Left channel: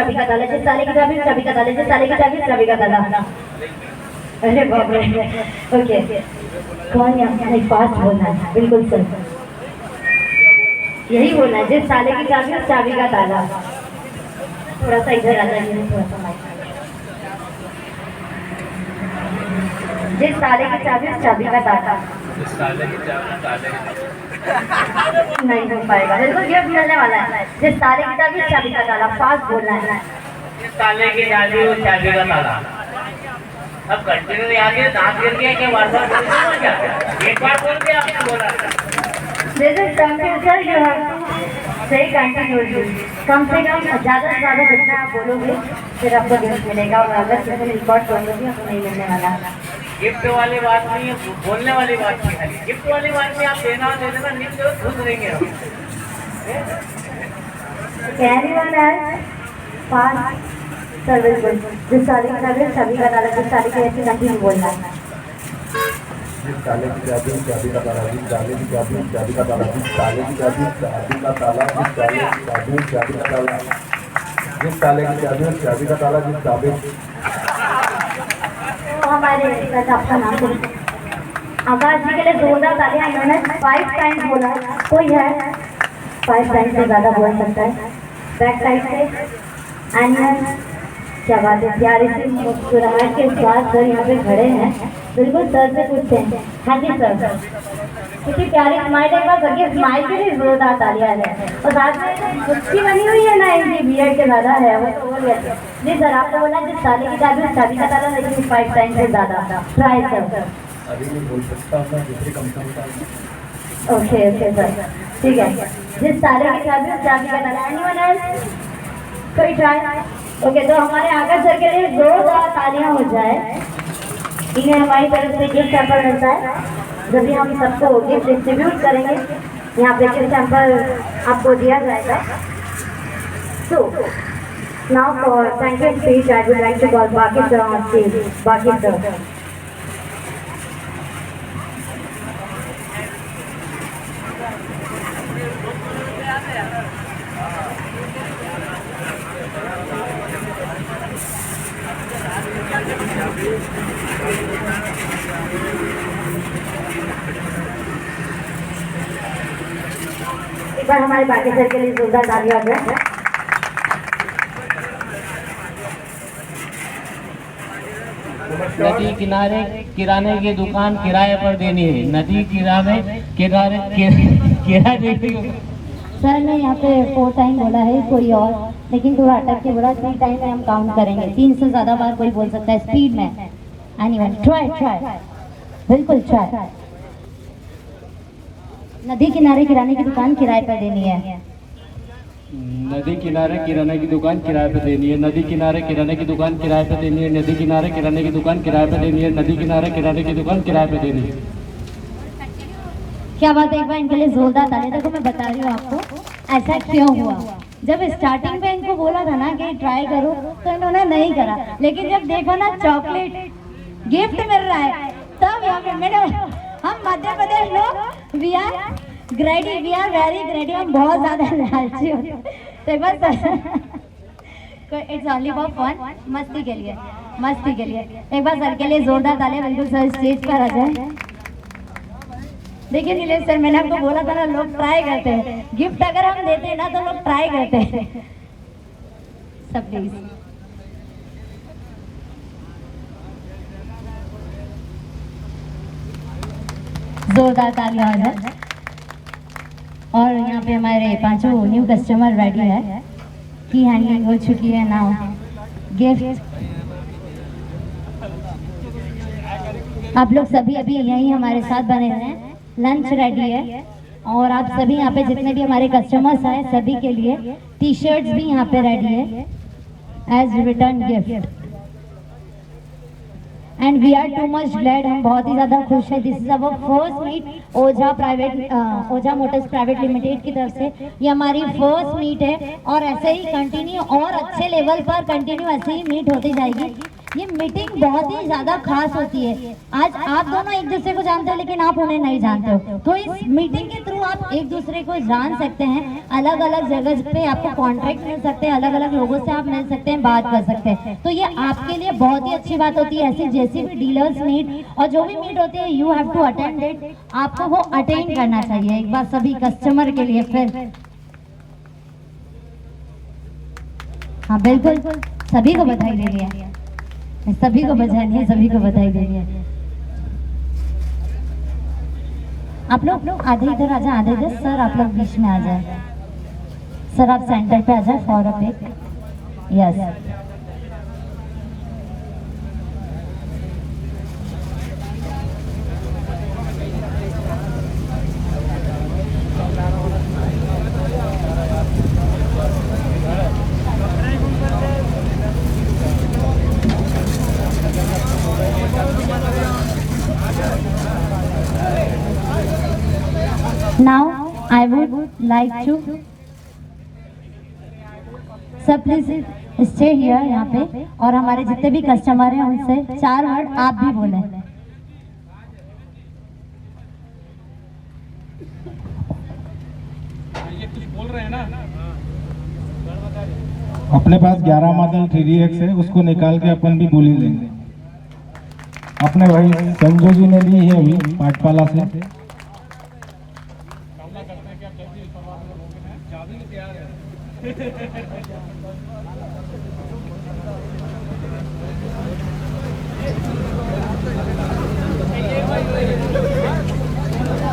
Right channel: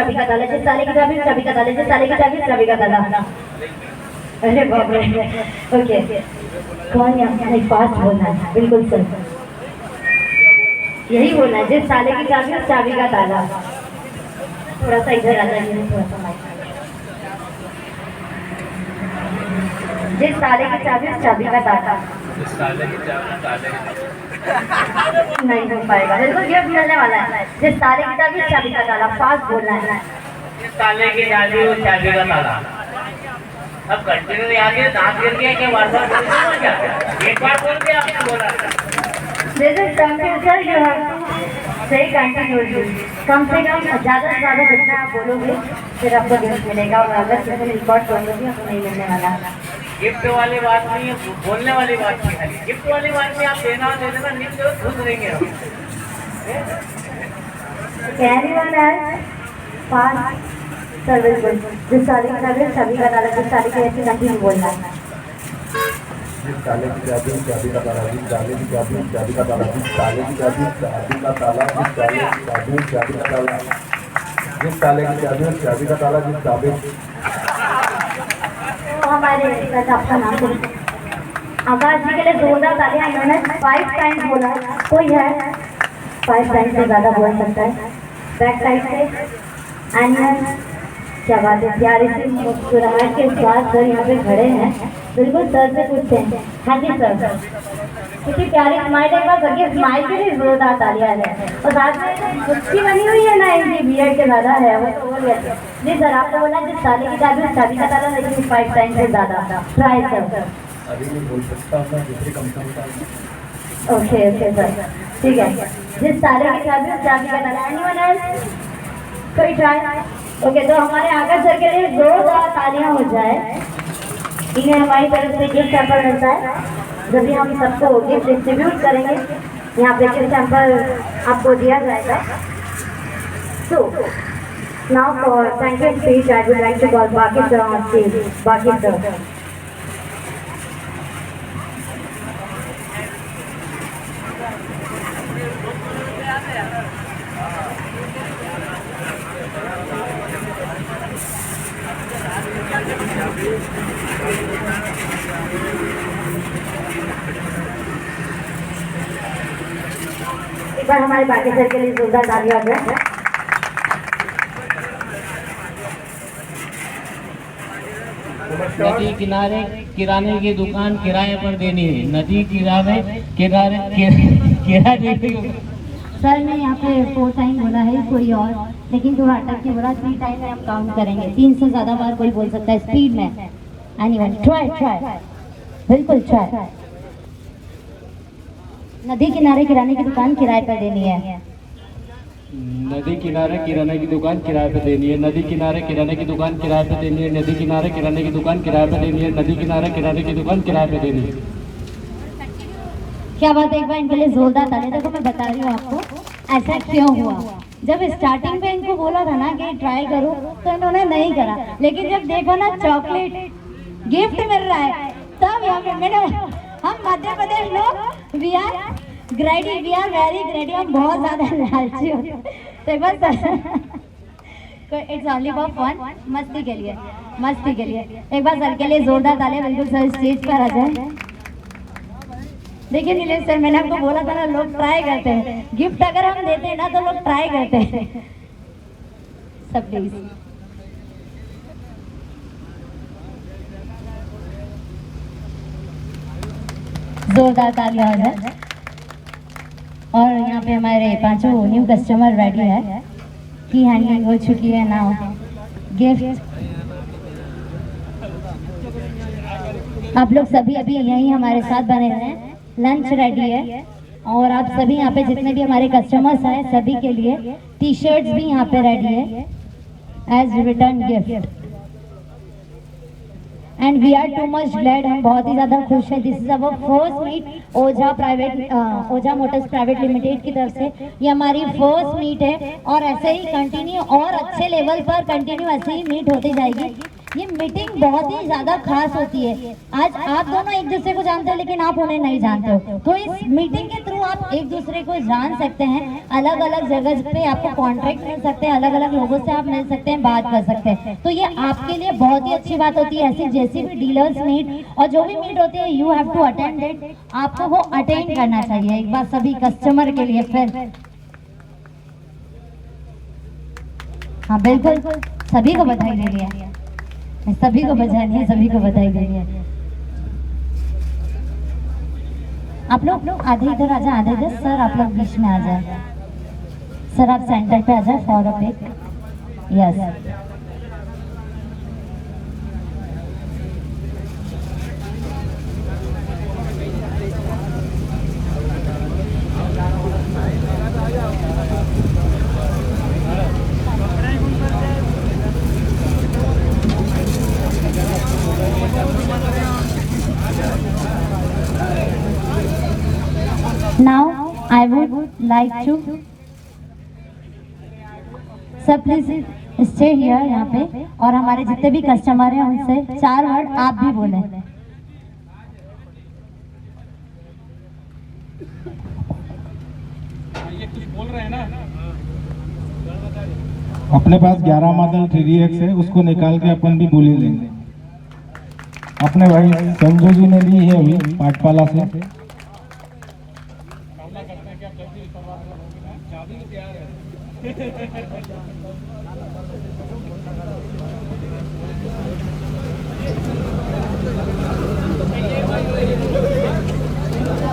चाबी का ताला, जिस ताले की चाबी उस चाबी का ताला, जिस ताले की चाबी उस चाबी का ताला। अरे बाप रे। ओके, कौन यहाँ पास बोलना है? बिल्कुल सर, यही बोलना है, जिस ताले की चाबी उस चाबी का ताला। थोड़ा सा इधर आ जाइए, थोड़ा सा माइक। जिस ताले की चाबी उस चाबी का ताला। नहीं हो पाएगा, बिल्कुल गिफ्ट मिलने वाला है। जिस ताले की चाबी उस चाबी का ताला, फास्ट बोलना है। जिस ताले की चाबी उस चाबी का ताला। अब कंटिन्यू याद है, दांत गिर गया क्या? बार-बार बोल रहे हो क्या? एक बार बोल के आपने बोला। This is computer, you have to say continuously. कम से कम ज़्यादा से ज़्यादा जितना आप बोलोगे फिर आपको गिफ्ट मिलेगा, और अगर किसी ने रिकॉर्ड कर लोगे आपको नहीं मिलने वाला। गिफ्ट वाली बात नहीं है, बोलने वाली बात नहीं है। गिफ्ट वाली बात में आप देना दे देना, नहीं तो खुश रहेंगे हम। Anyone else? Fast. सर बिल्कुल, जिस ताले की चाबी उस चाबी का ताला, जिस ताले की ऐसी कंटिन्यू बोलना है। जिस ताले की चाबी उस चाबी का ताला, जिस ताले की चाबी उस चाबी का ताला, जिस ताले की चाबी उस चाबी का ताला, जिस ताले की चाबी उस चाबी का ताला, जिस ताले की चाबी उस चाबी का ताला, जिस चाबी। तो हमारे आपका नाम बोलिए। आकाश जी के लिए जोरदार तालियां। इन्होंने 5 टाइम्स बोला, कोई है 5 टाइम्स से ज़्यादा बोल सकता है? बैक साइड से एनिमल, क्या बात है, प्यारी सी मुस्कुराहट के साथ सर यहाँ पे खड़े हैं। बिल्कुल सर से पूछते हैं। हाँ जी सर, कितनी प्यारी स्माइल, एक बार करके स्माइल के लिए जोरदार तालियां है। और साथ में कुर्सी बनी हुई है ना, इनकी बीएड के ज़्यादा है, वो तो बोल गए। जी सर, आपको बोला जिस ताले की चाबी उस चाबी का ताला, लेकिन 5 टाइम्स से ज़्यादा ट्राई सर। अभी नहीं बोल सकता, मैं दूसरी कंपनी का। ओके ओके सर, ठीक है। जिस ताले की चाबी उस चाबी का ताला। Anyone else? कोई ट्राई? ओके, तो हमारे आकाश सर के लिए जोरदार तालियां हो जाए। इन्हें हमारी तरफ से गिफ्ट सैंपल मिलता है। जब भी हम सबको गिफ्ट डिस्ट्रीब्यूट करेंगे, यहाँ पे गिफ्ट सैंपल आपको दिया जाएगा। So now for thank you speech I would like to call Baki sir on stage. Baki sir. एक बार हमारे बाकी सर के लिए जोरदार तालियां हो जाए। नदी किनारे किराने की दुकान किराए पर देनी है। नदी किनारे किराने सर ने यहाँ पे 4 टाइम बोला है, कोई और लेकिन थोड़ा अटक के बोला। 3 टाइम में हम काउंट करेंगे, 3 से ज़्यादा बार कोई बोल सकता है स्पीड में। एनीवन ट्राई, बिल्कुल ट्राई। नदी किनारे किराने की दुकान किराए पर देनी है। नदी किनारे किराने की दुकान किराए पे देनी है। नदी किनारे किराने की दुकान किराए पे देनी है। नदी किनारे किराने की दुकान किराए पे देनी है। नदी किनारे किराने की दुकान किराए पे देनी है। क्या बात है, एक बार इनके लिए जोरदार तालियां। देखो मैं बता रही हूँ आपको ऐसा क्यों हुआ। जब स्टार्टिंग में इनको बोला था ना कि ट्राई करो, तो इन्होंने नहीं करा, लेकिन जब देखा ना चॉकलेट गिफ्ट मिल रहा है, तब यहाँ पे मैंने, हम मध्य प्रदेश लोग we are greedy, we are very greedy, हम बहुत ज्यादा लालची होते हैं। तो एक बार इट्स ओनली फॉर फन, मस्ती के लिए, मस्ती के लिए। एक बार सर के लिए जोरदार तालियां। बिल्कुल सर स्टेज पर आ जाए। देखिए नीलेश सर, मैंने आपको बोला था ना, लोग ट्राई करते हैं। गिफ्ट अगर हम देते हैं ना तो लोग ट्राई करते हैं। सब प्लीज जोरदार तालियां हो जाए। और यहाँ पे हमारे 5 न्यू कस्टमर रेडी है, की हैंडलिंग हो चुकी है। नाउ गिफ्ट आप लोग सभी अभी यहीं हमारे साथ बने हुए हैं। लंच रेडी है, और आप सभी यहाँ पे जितने भी हमारे कस्टमर्स हैं सभी के लिए टी शर्ट्स भी यहाँ पे रेडी है as return gift. And we are too much glad, हम बहुत ही ज़्यादा खुश हैं। This is our first meet Ojha motors private limited की तरफ से। ये हमारी फर्स्ट मीट है, और ऐसे ही कंटिन्यू और अच्छे लेवल पर कंटिन्यू ऐसे ही मीट होती जाएगी। ये मीटिंग बहुत ही ज्यादा खास होती है। आज आप दोनों एक दूसरे को जानते हो लेकिन आप उन्हें नहीं जानते हो, तो इस मीटिंग के थ्रू आप एक दूसरे को जान सकते हैं। अलग अलग जगह पे आपको कॉन्ट्रैक्ट मिल सकते हैं, अलग अलग लोगों से आप मिल सकते हैं, बात कर सकते हैं। तो ये आपके लिए बहुत ही अच्छी बात होती है। ऐसी जैसी भी डीलर्स मीट और जो भी मीट होती है, you have to attend it. आपको वो अटेंड करना चाहिए एक बार सभी कस्टमर के लिए। फिर हाँ बिल्कुल, सभी को बधाई देनी है, सभी को बधाई है, सभी को बधाई देनी है। आप लोग आधे इधर आ जाए, आधे इधर। सर आप लोग बीच में आ जाए, सर आप सेंटर पे आ जाए for a pick. Yes Now I would like to सब प्लीज स्टे हियर यहाँ पे, और हमारे जितने भी कस्टमर हैं उनसे 4 वर्ड आप भी बोलें। अपने पास 11 मॉडल 3DX है, उसको निकाल के अपन भी बोली लेंगे। अपने भाई संजू जी ने ली है अभी पाटपाला से।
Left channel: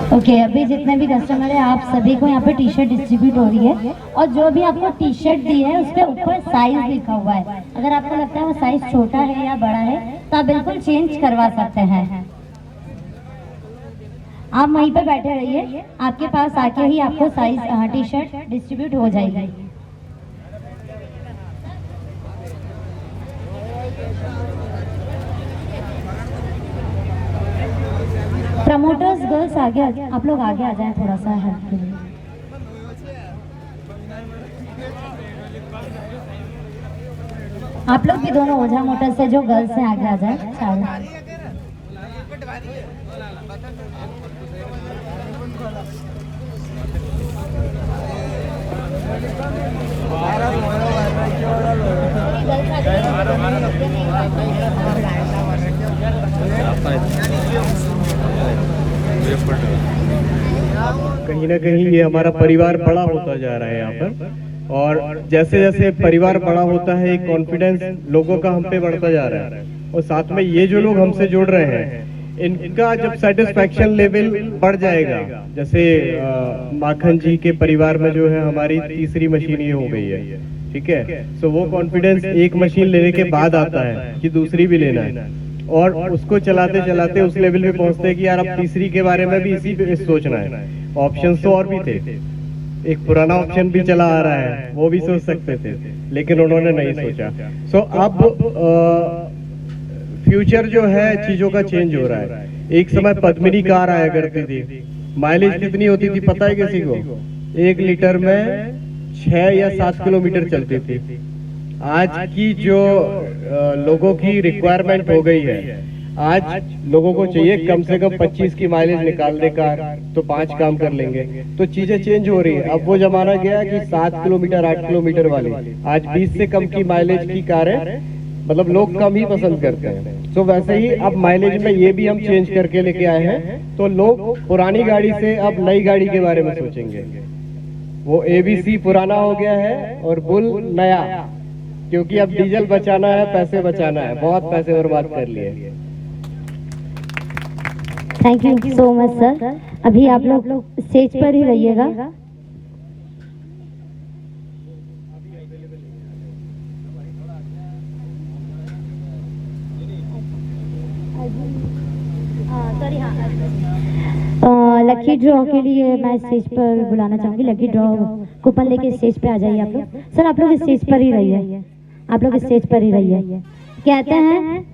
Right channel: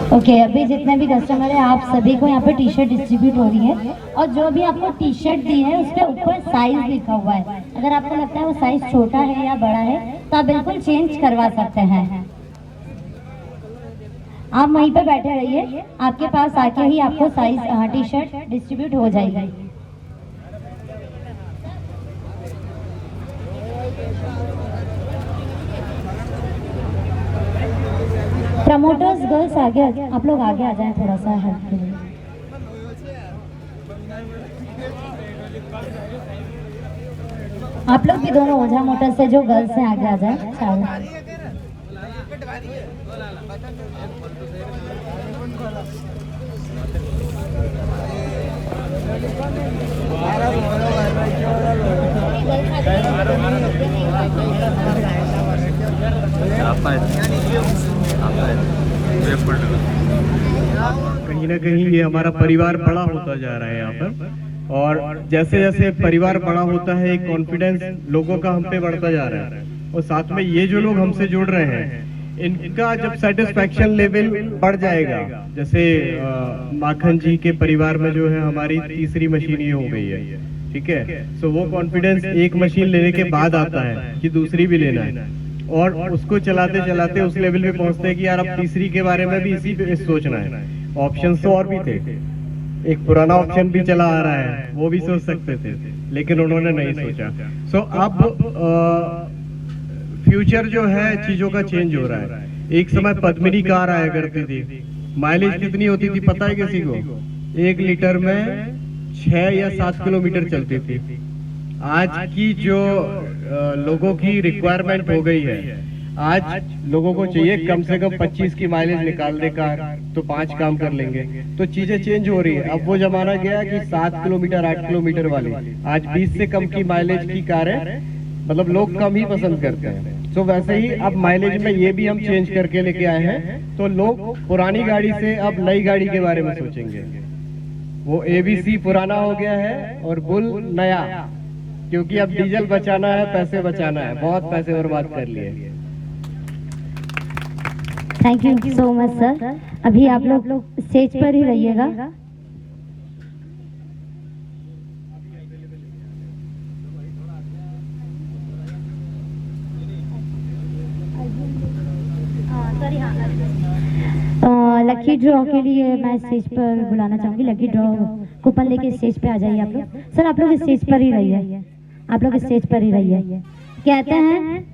ओके अभी जितने भी कस्टमर है आप सभी को यहाँ पे टी शर्ट डिस्ट्रीब्यूट हो रही है, और जो भी आपको टी शर्ट दी है उसके ऊपर साइज लिखा हुआ है। अगर आपको लगता है वो साइज छोटा है या बड़ा है तो आप बिल्कुल चेंज करवा सकते हैं। आप वहीं पे बैठे रहिए, आपके पास आके ही आपको साइज टी शर्ट डिस्ट्रीब्यूट हो जाएगी। प्रमोटर्स गर्ल्स आगे आप लोग आगे आ जाएं थोड़ा सा हेल्प के लिए। आप लोग भी दोनों ओझा मोटर्स से जो गर्ल्स हैं आगे आ जाएं चारों। कहीं ना कहीं ये हमारा परिवार बड़ा होता जा रहा है यहाँ पर, और जैसे जैसे परिवार बड़ा होता है एक कॉन्फिडेंस लोगों का हम पे बढ़ता जा रहा है, और साथ में ये जो लोग हमसे जुड़ रहे हैं इनका जब सेटिस्फैक्शन लेवल बढ़ जाएगा, जैसे माखन जी के परिवार में जो है हमारी तीसरी मशीन ये हो गई है, ठीक है। सो वो कॉन्फिडेंस एक मशीन लेने के बाद आता है कि दूसरी भी लेना है, और उसको चलाते चलाते उस लेवल पे पहुंचते हैं कि यार अब तीसरी के बारे में भी इसी पे सोचना है। ऑप्शंस तो और भी थे, एक पुराना ऑप्शन भी चला आ रहा है वो भी सोच सकते थे, लेकिन उन्होंने नहीं सोचा। सो अब फ्यूचर जो है चीजों का चेंज हो रहा है। एक समय पद्मिनी कार आया करती थी, माइलेज कितनी होती थी पता है किसी को? 1 लीटर में 6 या 7 किलोमीटर चलती थी। आज की जो लोगों की रिक्वायरमेंट हो गई है, आज लोगों को चाहिए कम से कम 25 की माइलेज निकाल दे कार, तो 5 काम कर लेंगे। तो चीजें चेंज हो रही है। अब वो जमाना गया कि 7 किलोमीटर 8 किलोमीटर वाली, आज 20 से कम की माइलेज की कारें मतलब लोग कम ही पसंद करते हैं। तो वैसे ही अब माइलेज में ये भी हम चेंज करके लेके आए हैं, तो लोग पुरानी गाड़ी से अब नई गाड़ी के बारे में सोचेंगे। वो ABC पुराना हो गया है और बुल नया, क्योंकि अब डीजल बचाना है, पैसे बचाना है, बहुत पैसे बर्बाद कर लिए। Thank you so much sir. अभी आप लोग स्टेज पर ही रहिएगा। लकी ड्रॉ के लिए मैं स्टेज पर बुलाना चाहूंगी। लकी ड्रॉ कूपन लेके स्टेज पे आ जाइए आप लोग। सर आप लोग स्टेज पर ही रहिए, आप लोग स्टेज पर ही रहिए। कहते हैं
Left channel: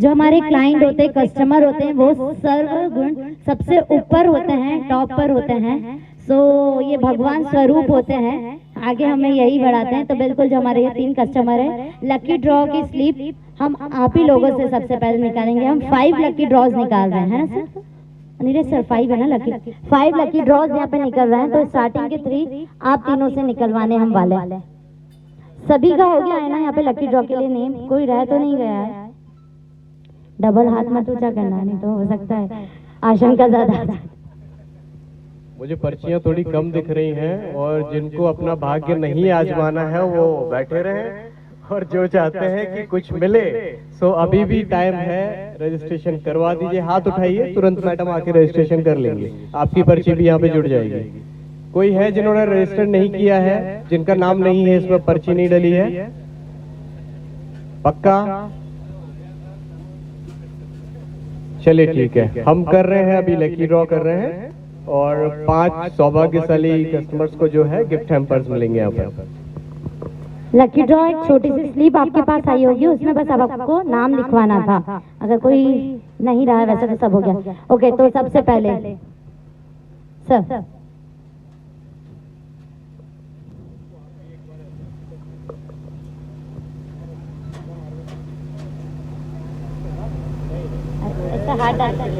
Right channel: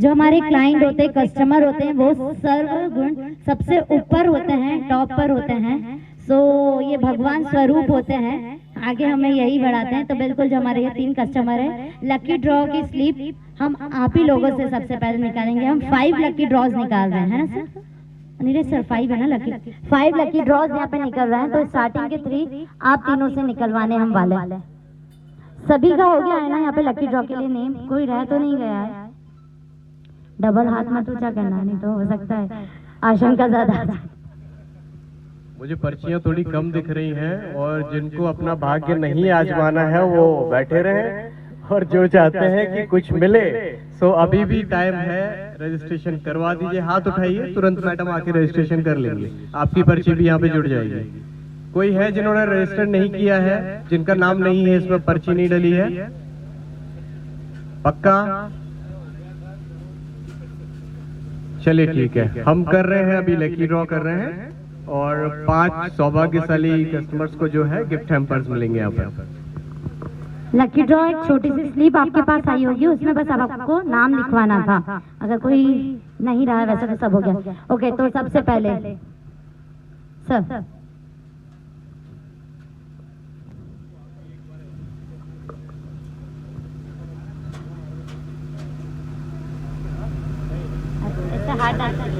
जो हमारे क्लाइंट होते हैं, कस्टमर होते हैं, वो सर्वगुण सबसे ऊपर होते हैं, टॉप पर होते हैं। सो ये भगवान स्वरूप होते हैं। आगे हमें यही बढ़ाते हैं। तो बिल्कुल जो हमारे ये 3 कस्टमर है, लकी ड्रॉ की स्लिप हम आप ही लोगों से सबसे पहले निकालेंगे। हम 5 लकी ड्रॉज निकाल रहे हैं, है ना सर? नीरज सर 5 है ना लकी? 5 लकी ड्रॉज यहाँ पे निकल रहे हैं। तो स्टार्टिंग के 3 आप तीनों से निकलवाने हम वाले। सभी का हो गया है ना यहाँ पे लकी ड्रॉ के लिए नेम? कोई रह तो नहीं गया है? डबल हाथ मत ऊंचा करना, नहीं तो हो सकता है आशंका ज्यादा। मुझे पर्चियां थोड़ी कम दिख रही हैं और जिनको अपना भाग्य नहीं आजमाना है वो बैठे रहे, और जो चाहते हैं कि कुछ मिले सो अभी भी टाइम है, रजिस्ट्रेशन करवा दीजिए। हाथ उठाइए, तुरंत मैडम आके रजिस्ट्रेशन कर लेंगे, आपकी पर्ची भी यहाँ पे जुड़ जाएगी। कोई है जिन्होंने रजिस्टर नहीं किया है, जिनका नाम नहीं है इसमें, पर्ची नहीं डली है? पक्का? चलिए ठीक है, हम कर रहे हैं अभी लकी ड्रॉ कर रहे हैं और 5 सौभाग्यशाली कस्टमर्स को जो है गिफ्ट हैम्पर्स मिलेंगे यहाँ पर। लकी ड्रॉ एक छोटी सी स्लिप आपके पास आई होगी, उसमें बस अब आपको नाम लिखवाना था। अगर कोई नहीं रहा है वैसे तो सब हो गया। ओके, तो सबसे पहले सर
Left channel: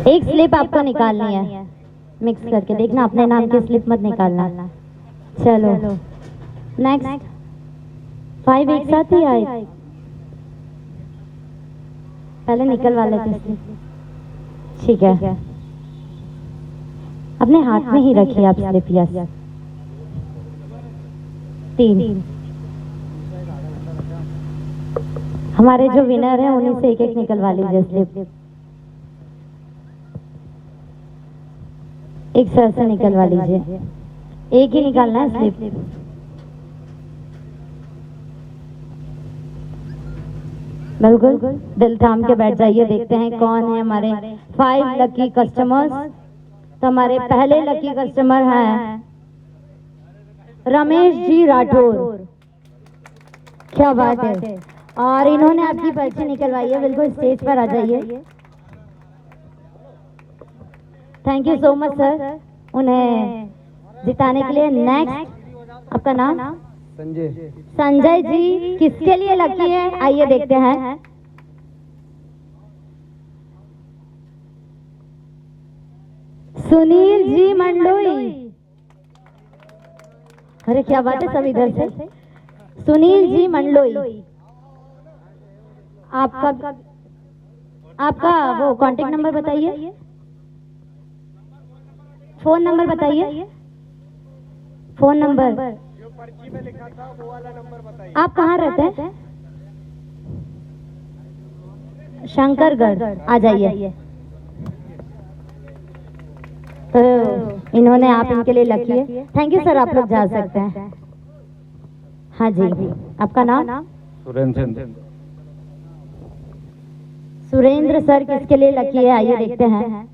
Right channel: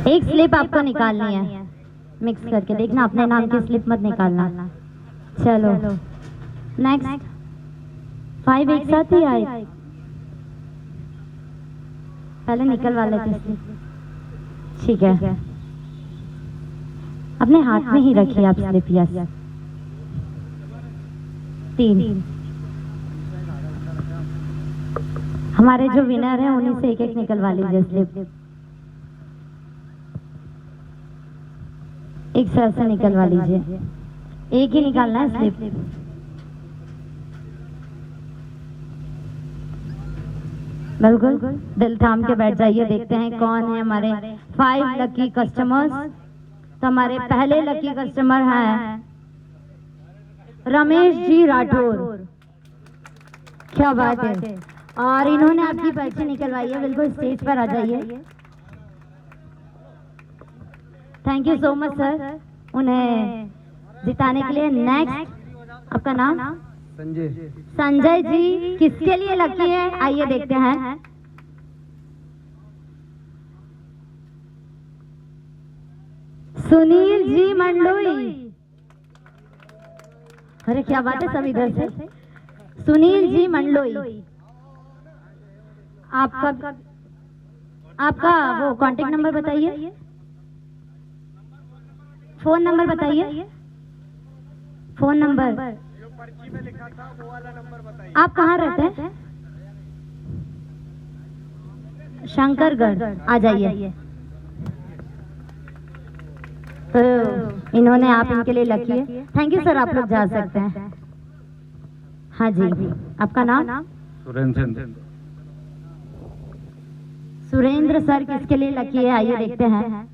एक स्लिप आपको निकालनी है, मिक्स करके देखना, अपने नाम की स्लिप मत निकालना। चलो नेक्स्ट। 5 एक साथ ही आए, पहले निकलवा लेते स्लिप। ठीक है, अपने हाथ में ही रखिए आप स्लिप। यस, 3। हमारे जो विनर हैं उन्हीं से एक निकलवा लीजिए स्लिप। एक सर से निकलवा लीजिए, एक ही निकालना है स्लिप। बिल्कुल दिल थाम के बैठ जाइए। देखते हैं कौन है हमारे 5 लकी कस्टमर्स। तो हमारे पहले लकी कस्टमर हैं रमेश जी राठौर। क्या बात है, और इन्होंने आपकी पर्ची निकलवाई है। बिल्कुल स्टेज पर आ जाइए। Thank you so much sir उन्हें जिताने के लिए। नेक्स्ट, आपका नाम? संजय। संजय जी किसके लिए लकी है, आइए देखते हैं। सुनील जी मंडलोई। अरे क्या बात है, सब इधर से। सुनील जी मंडलोई, आपका वो कांटेक्ट नंबर बताइए, फोन नंबर बताइए, फोन नंबर। जो पर्ची में लिखा था वो वाला नंबर बताइए। आप कहाँ रहते हैं? शंकरगढ़। आ जाइए। तो इन्होंने आप इनके लिए लकी है। थैंक यू सर, आप लोग जा सकते हैं। हाँ जी, आपका नाम? सुरेंद्र। सुरेंद्र सर किसके लिए लकी है, आइए देखते हैं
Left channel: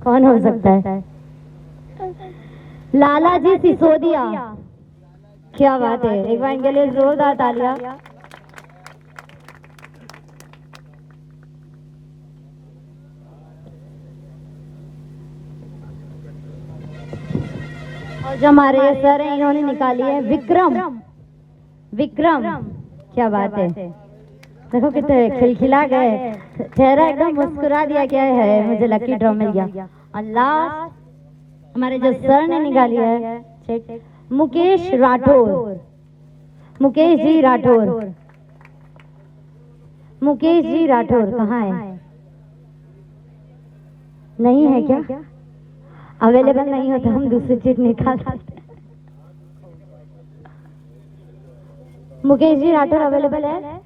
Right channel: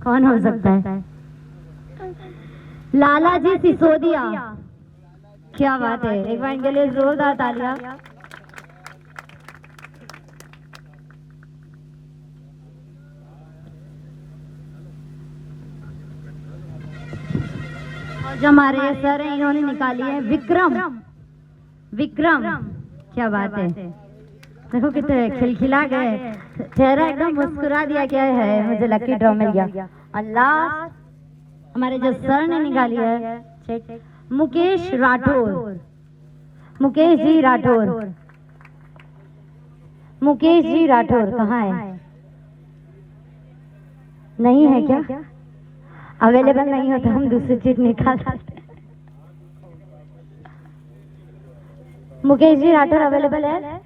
कौन हो सकता है। लाला जी सिसोदिया। क्या बात है, एक बार इनके लिए जोरदार तालियां। और जो हमारे सर हैं इन्होंने निकाली है विक्रम। क्या बात है, देखो कितने खिलखिला गए, चेहरा एकदम मुस्कुरा दिया। क्या है, मुझे लकी ड्रॉ मिल गया। अल्लाह, हमारे जो सर ने निकाली है मुकेश राठौर। मुकेश जी राठौर कहाँ है? नहीं है क्या? अवेलेबल नहीं होता हम दूसरी चीज निकाल सकते। मुकेश जी राठौर अवेलेबल है?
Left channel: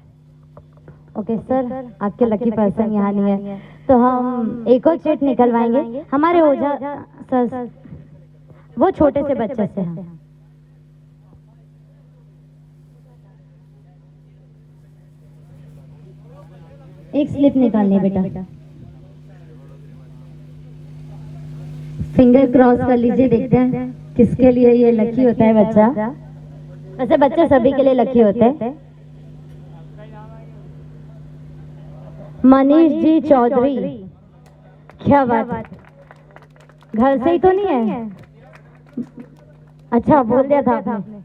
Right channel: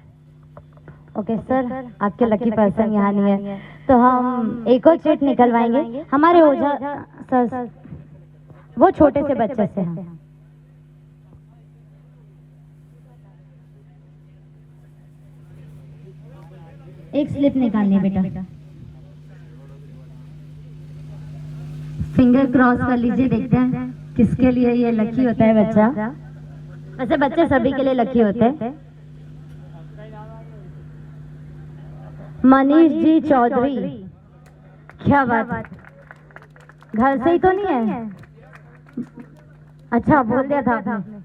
ओके सर, आपके लकी पर्सन यहाँ नहीं है तो हम एक और चीट निकलवाएंगे। हमारे ओझा सर वो छोटे से बच्चे से हैं। एक स्लिप निकालनी है बेटा, फिंगर क्रॉस कर लीजिए। देखते हैं किसके लिए ये लकी होता है बच्चा। वैसे बच्चे सभी के लिए लकी होते हैं। मनीष जी चौधरी। क्या बात, घर से ही तो नहीं है? अच्छा बोल दिया था आपने,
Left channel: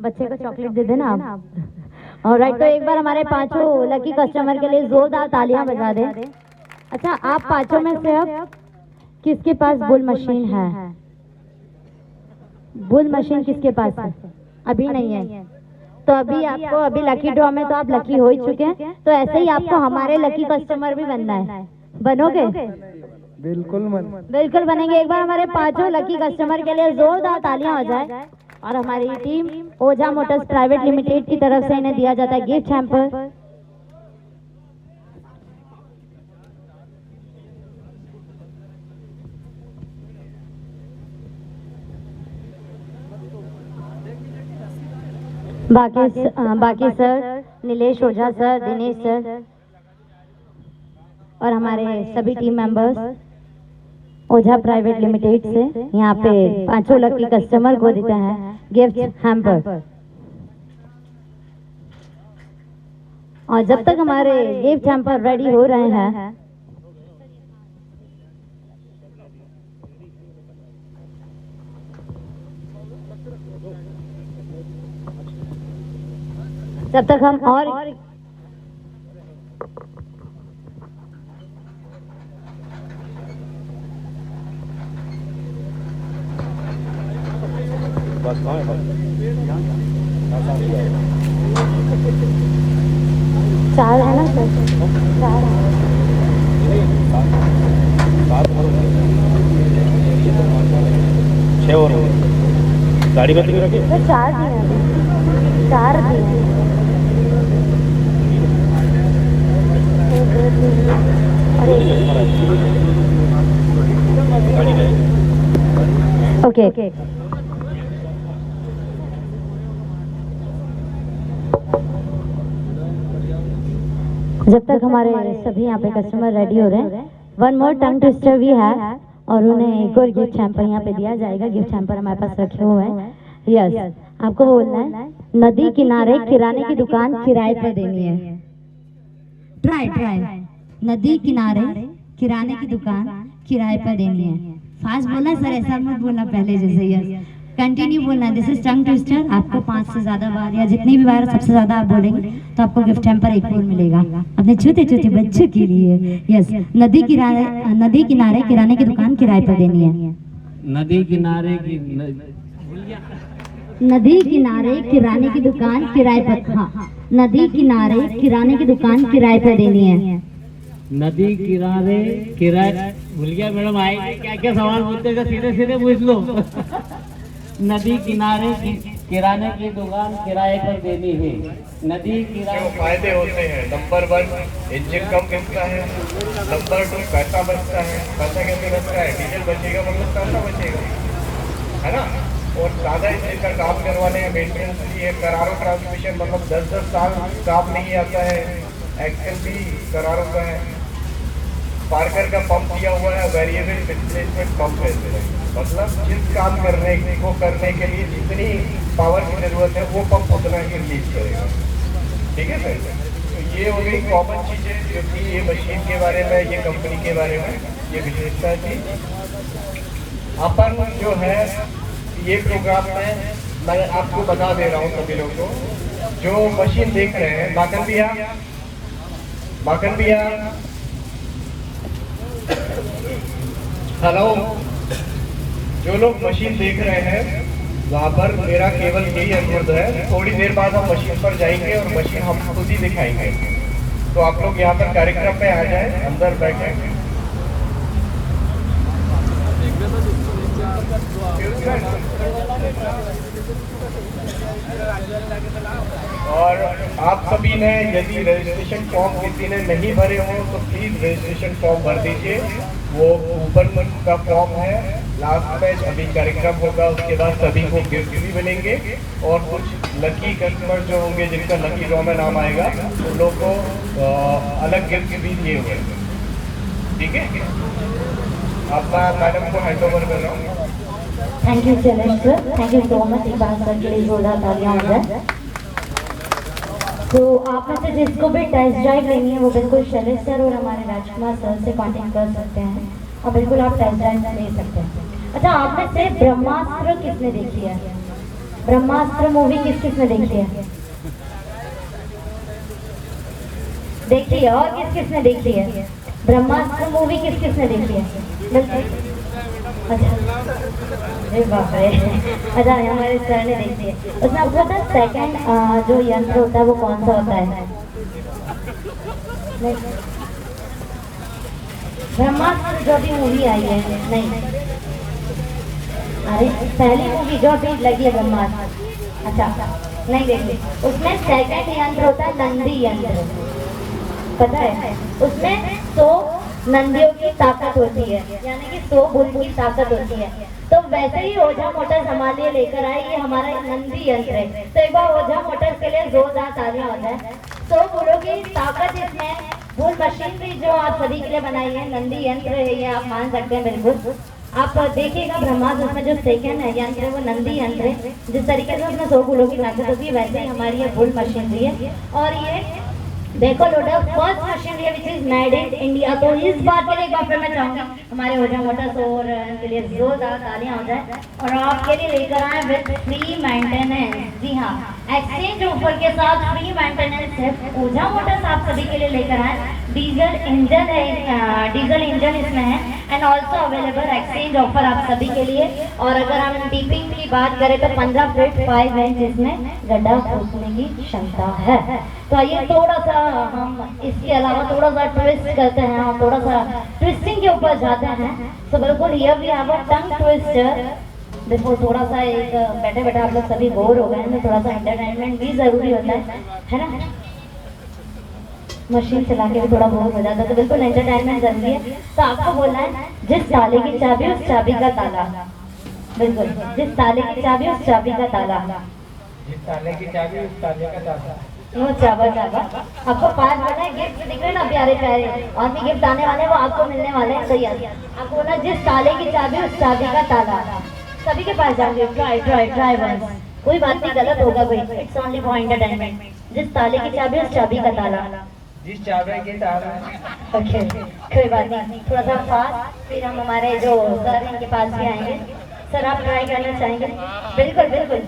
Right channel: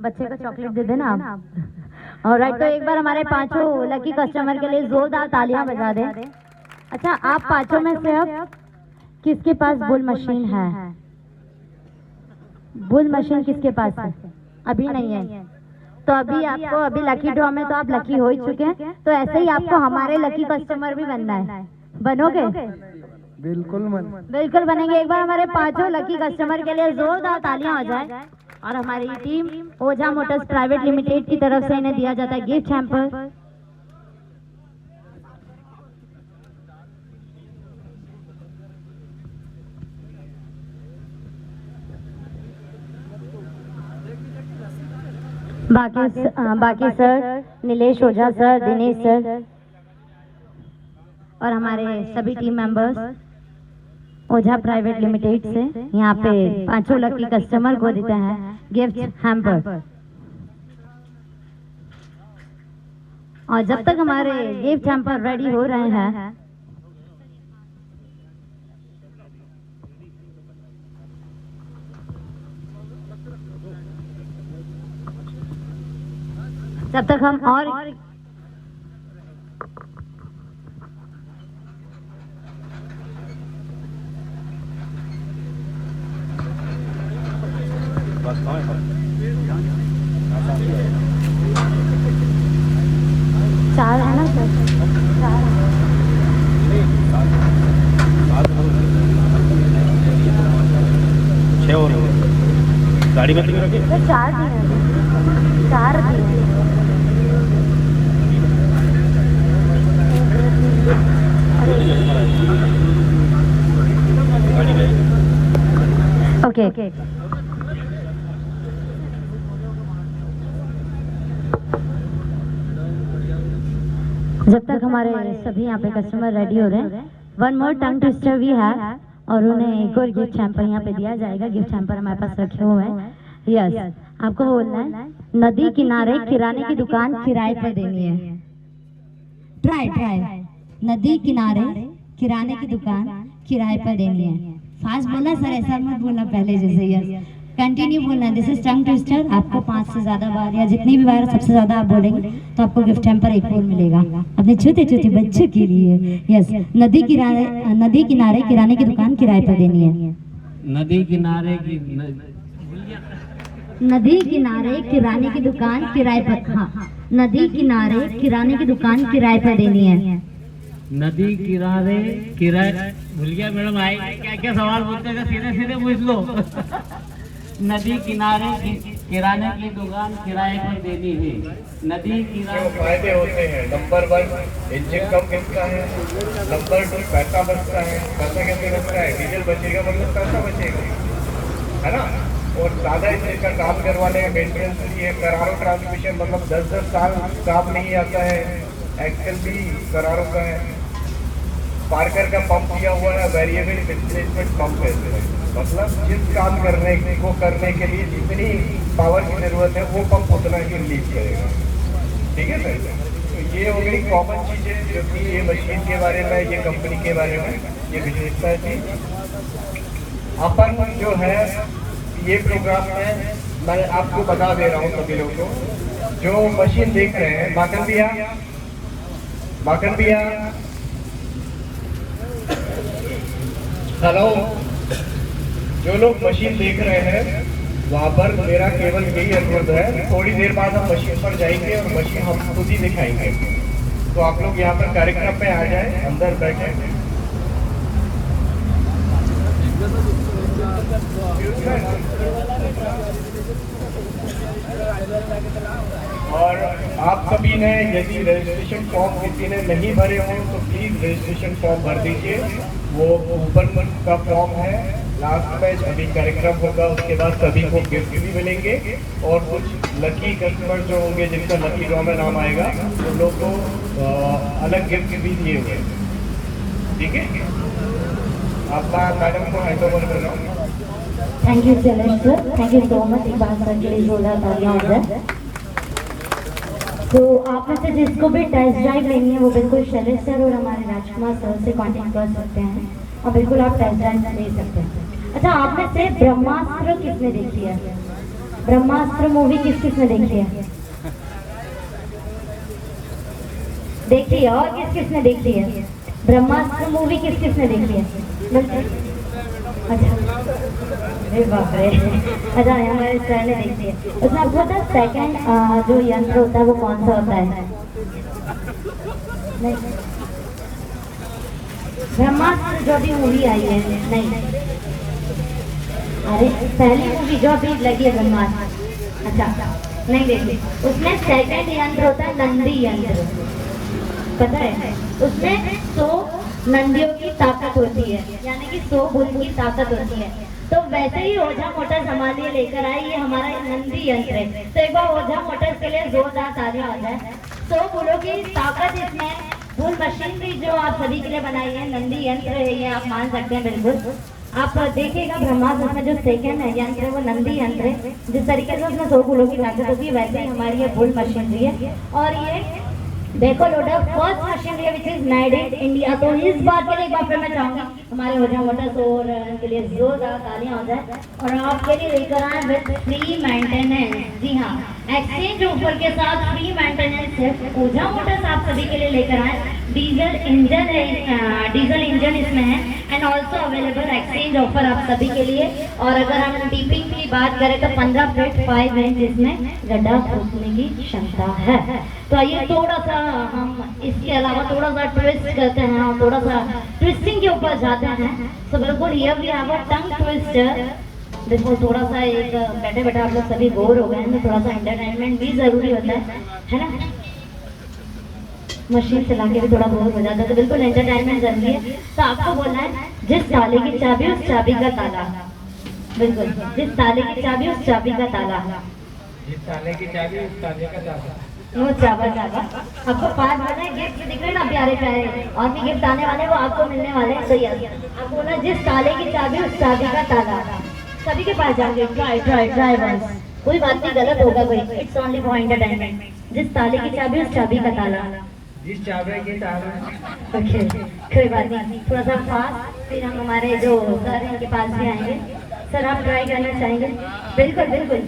बच्चे को चॉकलेट दे देना आप। ऑलराइट, तो एक बार हमारे पांचों लकी कस्टमर के लिए जोरदार तालियां बजा दें। अच्छा, आप पांचों में से अब किसके पास बुल मशीन है? बुल मशीन किसके पास है? अभी नहीं है, तो अभी आपको, अभी लकी ड्रॉ में तो आप लकी हो ही चुके हैं, तो ऐसे ही आपको हमारे लकी कस्टमर भी बनना है। बनोगे? बिल्कुल बनेंगे। एक बार हमारे पांचों लकी कस्टमर के लिए जोरदार तालियां हो जाए। और हमारी टीम ओझा मोटर्स प्राइवेट लिमिटेड की तरफ से इन्हें दिया जाता है गिफ्ट हैम्पर। बाकी सर, नीलेश ओझा सर, दिनेश सर और हमारे सभी टीम मेंबर्स ओझा प्राइवेट लिमिटेड से यहाँ पे पांचों लकी कस्टमर को देते हैं गिफ्ट हैम्पर। और जब तक हमारे गिफ्ट हैम्पर रेडी हो रहे हैं, जब तक हम और चार है ना सर, छह और गाड़ी में रखे तो चार दिए, चार दिए। ओके, जब तक हमारे सभी यहाँ पे कस्टमर रेडी हो रहे हैं, वन मोर टंग ट्विस्टर भी है और उन्हें एक और गिफ्ट हैम्पर यहाँ पे दिया जाएगा। गिफ्ट हैम्पर हमारे पास रखे हुए हैं। यस, आपको बोलना है नदी किनारे किराने की दुकान किराए पर देनी है। ट्राई नदी किनारे किराने की दुकान किराए पर देनी है। फास्ट बोला सर, ऐसा मत बोलना पहले जैसे। यस, कंटिन्यू बोलना। This is tongue twister. आपको 5 से ज्यादा बार या जितनी भी बार सबसे ज्यादा आप बोलेंगे तो आपको गिफ्ट हैम्पर एक और मिलेगा अपने छोटे छोटे बच्चों के लिए। यस, नदी किनारे किराने की दुकान किराए पर देनी है। नदी किनारे नदी किनारे किराने की दुकान किराए पर, हाँ, नदी किनारे किराने की दुकान किराए पर देनी है। नदी किनारे किराए, भूल गया मैडम, आएगी क्या क्या सवाल बोलते थे, सीधे सीधे पूछ लो। नदी किनारे किराने की दुकान किराए पर देनी है। नदी किनारे फायदे होते हैं। नंबर 1, इंजन कम गिरता है। नंबर 2, पैसा बचता है। पैसा कैसे बचता है? डीजल बचेगा मतलब पैसा बचेगा, है ना। और ज़्यादा इंजन का काम करवाने में मेंटेनेंस भी है। करारो ट्रांसमिशन मतलब 10-10 साल काम नहीं आता है। एक्सेल भी करारो का है। पार्कर का पंप दिया हुआ है, वेरिएबल डिस्प्लेसमेंट पंप है। मतलब जिस काम करने के लिए जितनी पावर की जरूरत है वो पंप उतना ही रिलीज करेगा। ठीक है सर, तो ये हो गई कॉमन चीज़ें जो कि ये मशीन के बारे में, ये कंपनी के बारे में, ये विशेषता थी। अपन जो है ये प्रोग्राम में मैं आपको बता दे रहा हूँ सभी लोगों को जो मशीन देख रहे हैं। माकन भैया, हेलो, जो लोग मशीन देख रहे हैं वहाँ पर मेरा केवल यही अनुरोध है, थोड़ी देर बाद हम मशीन पर जाएंगे और मशीन हम खुद ही दिखाएंगे। तो आप लोग यहाँ पर कार्यक्रम में आ जाए, अंदर बैठे। और आप सभी ने यदि रजिस्ट्रेशन फॉर्म किसी ने नहीं भरे हो तो प्लीज रजिस्ट्रेशन फॉर्म भर दीजिए। वो ऊपर का फॉर्म है। लास्ट में अभी कार्यक्रम होगा, उसके बाद सभी को गिफ्ट भी मिलेंगे और कुछ लकी कस्टमर जो होंगे जिनका लकी ड्रॉ में नाम आएगा उन लोग को अलग गिफ्ट भी दिए हुए। ठीक है, आपका मैडम को हैंड ओवर कर रहा हूँ। Thank you Shailesh sir, thank you so much. एक बार सर के लिए जोरदार तालियां हो जाए। तो आप में से जिसको भी टेस्ट ड्राइव लेनी है वो बिल्कुल शैलेश सर और हमारे राजकुमार सर से कॉन्टेक्ट कर सकते हैं और बिल्कुल आप टेस्ट ड्राइव ले सकते हैं। अच्छा, आपने से ब्रह्मास्त्र किसने देखी है? ब्रह्मास्त्र मूवी किसने देखी है? देखी है। और किसने देखी है? ब्रह्मास्त्र मूवी किसने देखी है? अच्छा, अरे बाप रे। अच्छा, हमारे सर ने देखी है। उसमें आपको पता है सेकंड जो यंत्र होता है वो कौन सा होता है? ब्रह्मास्त्र जो भी मूवी आई है, नहीं, अरे पहली मूवी जो अभी लगी है ब्रह्मास्त्र, अच्छा नहीं देखी, उसमें सेकंड यंत्र होता है नंदी यंत्र, पता है? उसमें 100 नंदियों की ताकत होती है, यानी कि 100 बुल की ताकत होती है। तो वैसे ही ओझा मोटर्स हमारे लिए लेकर आए, ये हमारा नंदी यंत्र है। तो एक बार ओझा मोटर्स के लिए जोरदार तालियां हो जाए। 100 बुलों की ताकत इसमें, बुल मशीनरी जो आप सभी के लिए बनाई है, नंदी यंत्र है ये, आप मान सकते हैं बिल्कुल। आप देखिएगा ब्रह्मास्त्र उसमें जो सेकंड है यंत्र है वो नंदी यंत्र है। जिस तरीके से उसमें 100 बुलों की ताकत होती है, वैसे ही हमारी ये बुल मशीनरी है। और ये देखो loader first machinery which is made in India. तो इस बात के लिए एक बार फिर मैं चाहूंगी हमारे ओझा मोटर्स और के लिए जोरदार तालियां हो जाए। और आपके लिए लेकर आए विद फ्री मेंटेनेंस। जी हाँ, एक्सचेंज ऑफर के साथ फ्री मेंटेनेंस है। ओझा मोटर्स आप सभी के लिए लेकर आए। डीजल इंजन है, डीजल इंजन इसमें है and also available exchange offer आप सभी के लिए। और अगर हम डीपिंग की बात करें तो 15 फीट 5 इंच इसमें गड्ढा खोदने की क्षमता है। तो आइए थोड़ा सा हम इसके अलावा थोड़ा सा ट्विस्ट करते हैं और थोड़ा सा ट्विस्टिंग के ऊपर जाते हैं। तो बिल्कुल here we have a tongue twister. बिल्कुल थोड़ा सा एक बैठे बैठे आप लोग सभी बोर हो गए हैं, तो थोड़ा सा एंटरटेनमेंट भी जरूरी होता है ना? मशीन चला के भी थोड़ा बोर हो जाता है, तो बिल्कुल एंटरटेनमेंट जरूरी है। तो आपको बोलना है जिस ताले की चाबी उस चाबी का ताला। बिल्कुल, जिस ताले की चाबी उस चाबी का ताला। जिस ताले की चाबी उस ताले का ताला। वो चाबा आपको पास बना है। गिफ्ट दिख रहे ना प्यारे प्यारे, और भी गिफ्ट आने वाले वो आपको मिलने वाले हैं। तो यस, आप बोला जिस ताले की चाबी उस चाबी का ताला। सभी के पास जाओगे, ट्राई ट्राई ट्राई बस, कोई बात नहीं गलत होगा कोई, इट्स ओनली फॉर एंटरटेनमेंट। जिस ताले की चाबी उस चाबी का ताला। जिस चाबी के ताला। ओके, कोई बात नहीं, थोड़ा सा पास, फिर हम हमारे जो सर इनके पास भी आएंगे। सर आप ट्राई करना चाहेंगे? बिल्कुल बिल्कुल,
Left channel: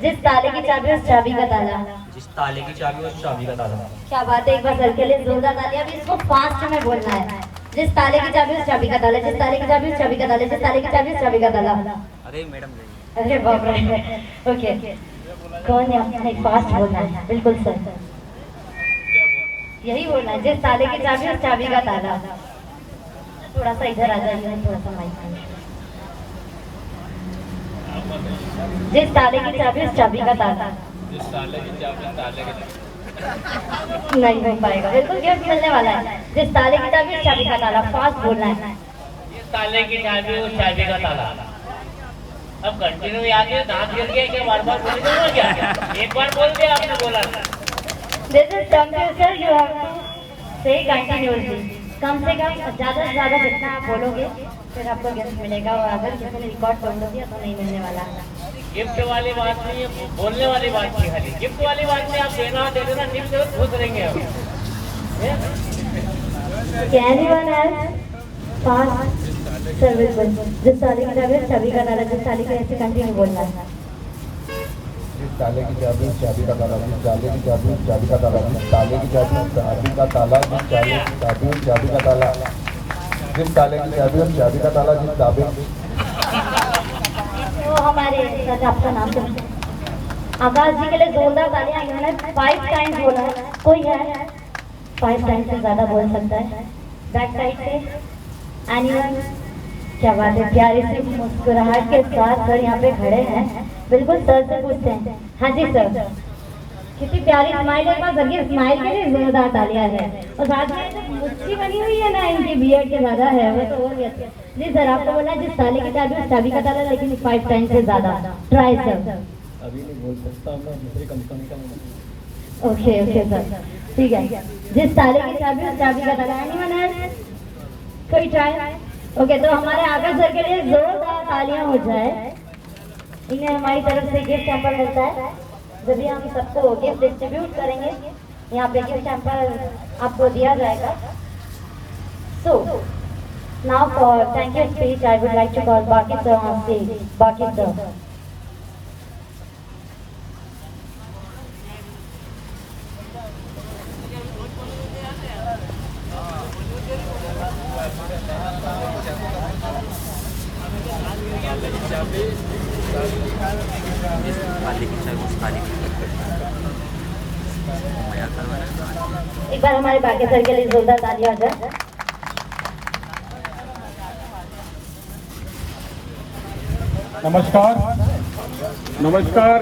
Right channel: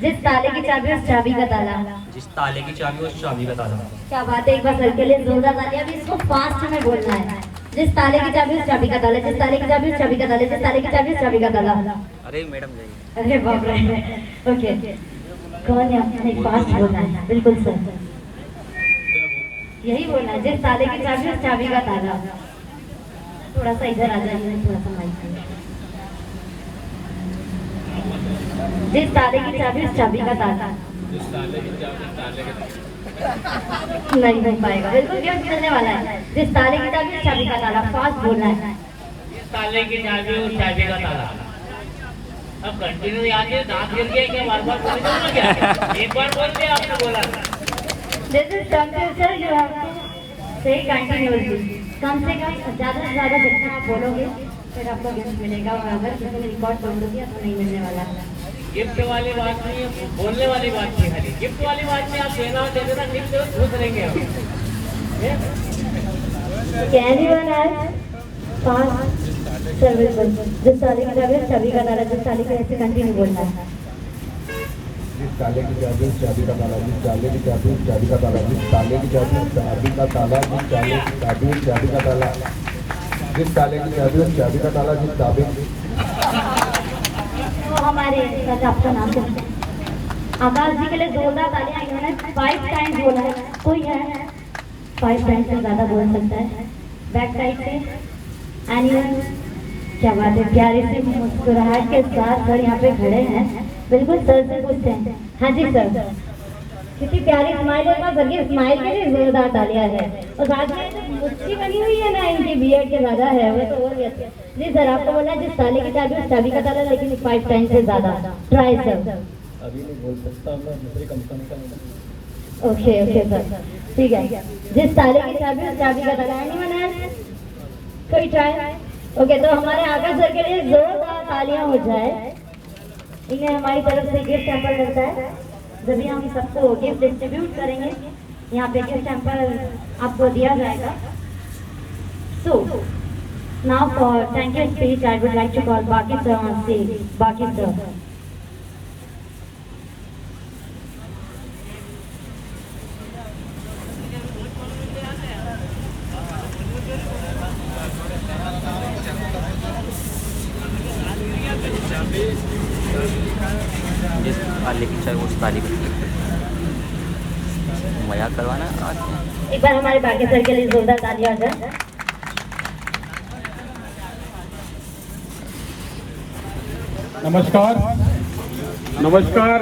जिस ताले की चाबी उस चाबी का ताला। जिस ताले की चाबी उस चाबी का ताला। क्या बात है, एक बार सर के लिए जोरदार तालियां। अभी इसको फास्ट में बोलना है। जिस ताले की चाबी उस चाबी का ताला, जिस ताले की चाबी उस चाबी का ताला, जिस ताले की चाबी उस चाबी का ताला। अरे मैडम जाइए। अरे बाप रे, ओके, कौन है आपने फास्ट बोलना है? बिल्कुल सर, यही बोलना है, जिस ताले की चाबी उस चाबी का ताला। थोड़ा सा इधर आ जाइए, थोड़ा सा माइक। जिस ताले की चाबी उस चाबी का ताला। नहीं हो पाएगा, बिल्कुल गिफ्ट मिलने वाला है। जिस ताले की चाबी उस चाबी का ताला, फास्ट बोलना है। जिस ताले की चाबी उस चाबी का ताला। अब कंटिन्यू याद है, दांत गिर गया क्या? बार-बार बोल क्या? एक बार बोल दिया आपने, बोला this is computer, you have to say continuously. कम से ज्यादा से ज्यादा जितना आप बोलोगे फिर आपको गिफ्ट मिलेगा। और अगर किसी ने रिकॉर्ड कर दोगे तो नहीं मिलने वाला। गिफ्ट वाली बात नहीं है, बोलने वाली बात नहीं खाली। गिफ्ट वाली बात नहीं, आप देना दे देना, गिफ्ट से खुश रहेंगे हम। Can anyone else fast service? जिस ताले की चाबी उस चाबी का ताला। जिस ताले के ऐसे कंटिन्यू बोलना है। जिस ताले की चाबी उस चाबी का ताला, जिस ताले की चाबी उस चाबी का ताला, जिस ताले की चाबी उस चाबी का ताला, जिस ताले की चाबी उस चाबी का ताला, जिस ताले की चाबी उस चाबी का ताला, जिस ताबे। तो हमारे सर आपका नाम क्या? आकाश जी के लिए जोरदार तालियां। इन्होंने 5 टाइम्स बोला है। कोई है 5 टाइम्स से ज्यादा बोल सकता है? बैक साइड से एनिमल। क्या बात है, प्यारी सी मुस्कुराहट के साथ सर यहाँ पे खड़े हैं। बिल्कुल सर से पूछते हैं। हाँ जी सर, कितनी प्यारी स्माइल है। सर की स्माइल के लिए जोरदार तालियां है। और साथ में जो मुस्की बनी हुई है ना, इनकी बियर्ड के ज्यादा है, वो तो और भी अच्छा। जी सर, आपको बोला जिस ताले की चाबी उस चाबी का ताला, लेकिन 5 टाइम से ज्यादा। Try sir. अभी नहीं बोल सकता, मैं दूसरी कंपनी का। ओके ओके सर, ठीक है। जिस ताले की चाबी उस चाबी का ताला। Anyone else? कोई ट्राई? ओके, तो हमारे आकाश सर के लिए जोरदार तालियां हो जाए। इन्हें हमारी तरफ से गिफ्ट सैंपल मिलता है। जब भी हम सबको गिफ्ट डिस्ट्रीब्यूट करेंगे, यहाँ पे गिफ्ट सैंपल आपको दिया जाएगा। सो Now for thank you speech, I would like to call Baki sir on stage. Baki sir. जिस ताले की चाबी उस ताले की मजाक करवाना आज एक बार हमारे बाकी सर के लिए जोरदार तालियां हो जाए। नमस्कार नमस्कार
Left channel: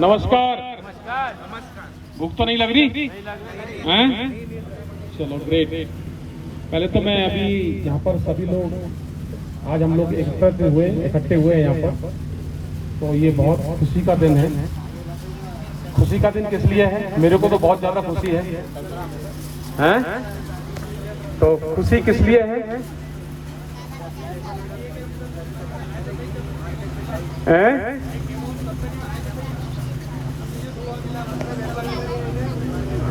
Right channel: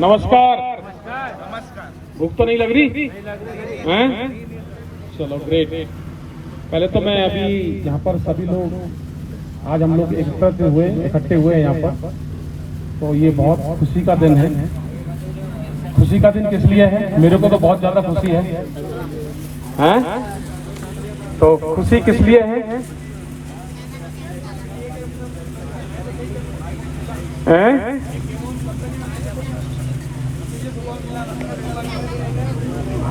नमस्कार भूख तो नहीं लग रही हैं? चलो ग्रेट। पहले तो मैं अभी यहाँ पर सभी लोग आज हम लोग इकट्ठे हुए हैं यहाँ पर, तो ये बहुत खुशी का दिन है। खुशी का दिन किस लिए है? मेरे को तो बहुत ज्यादा खुशी है हैं? तो खुशी किस लिए है?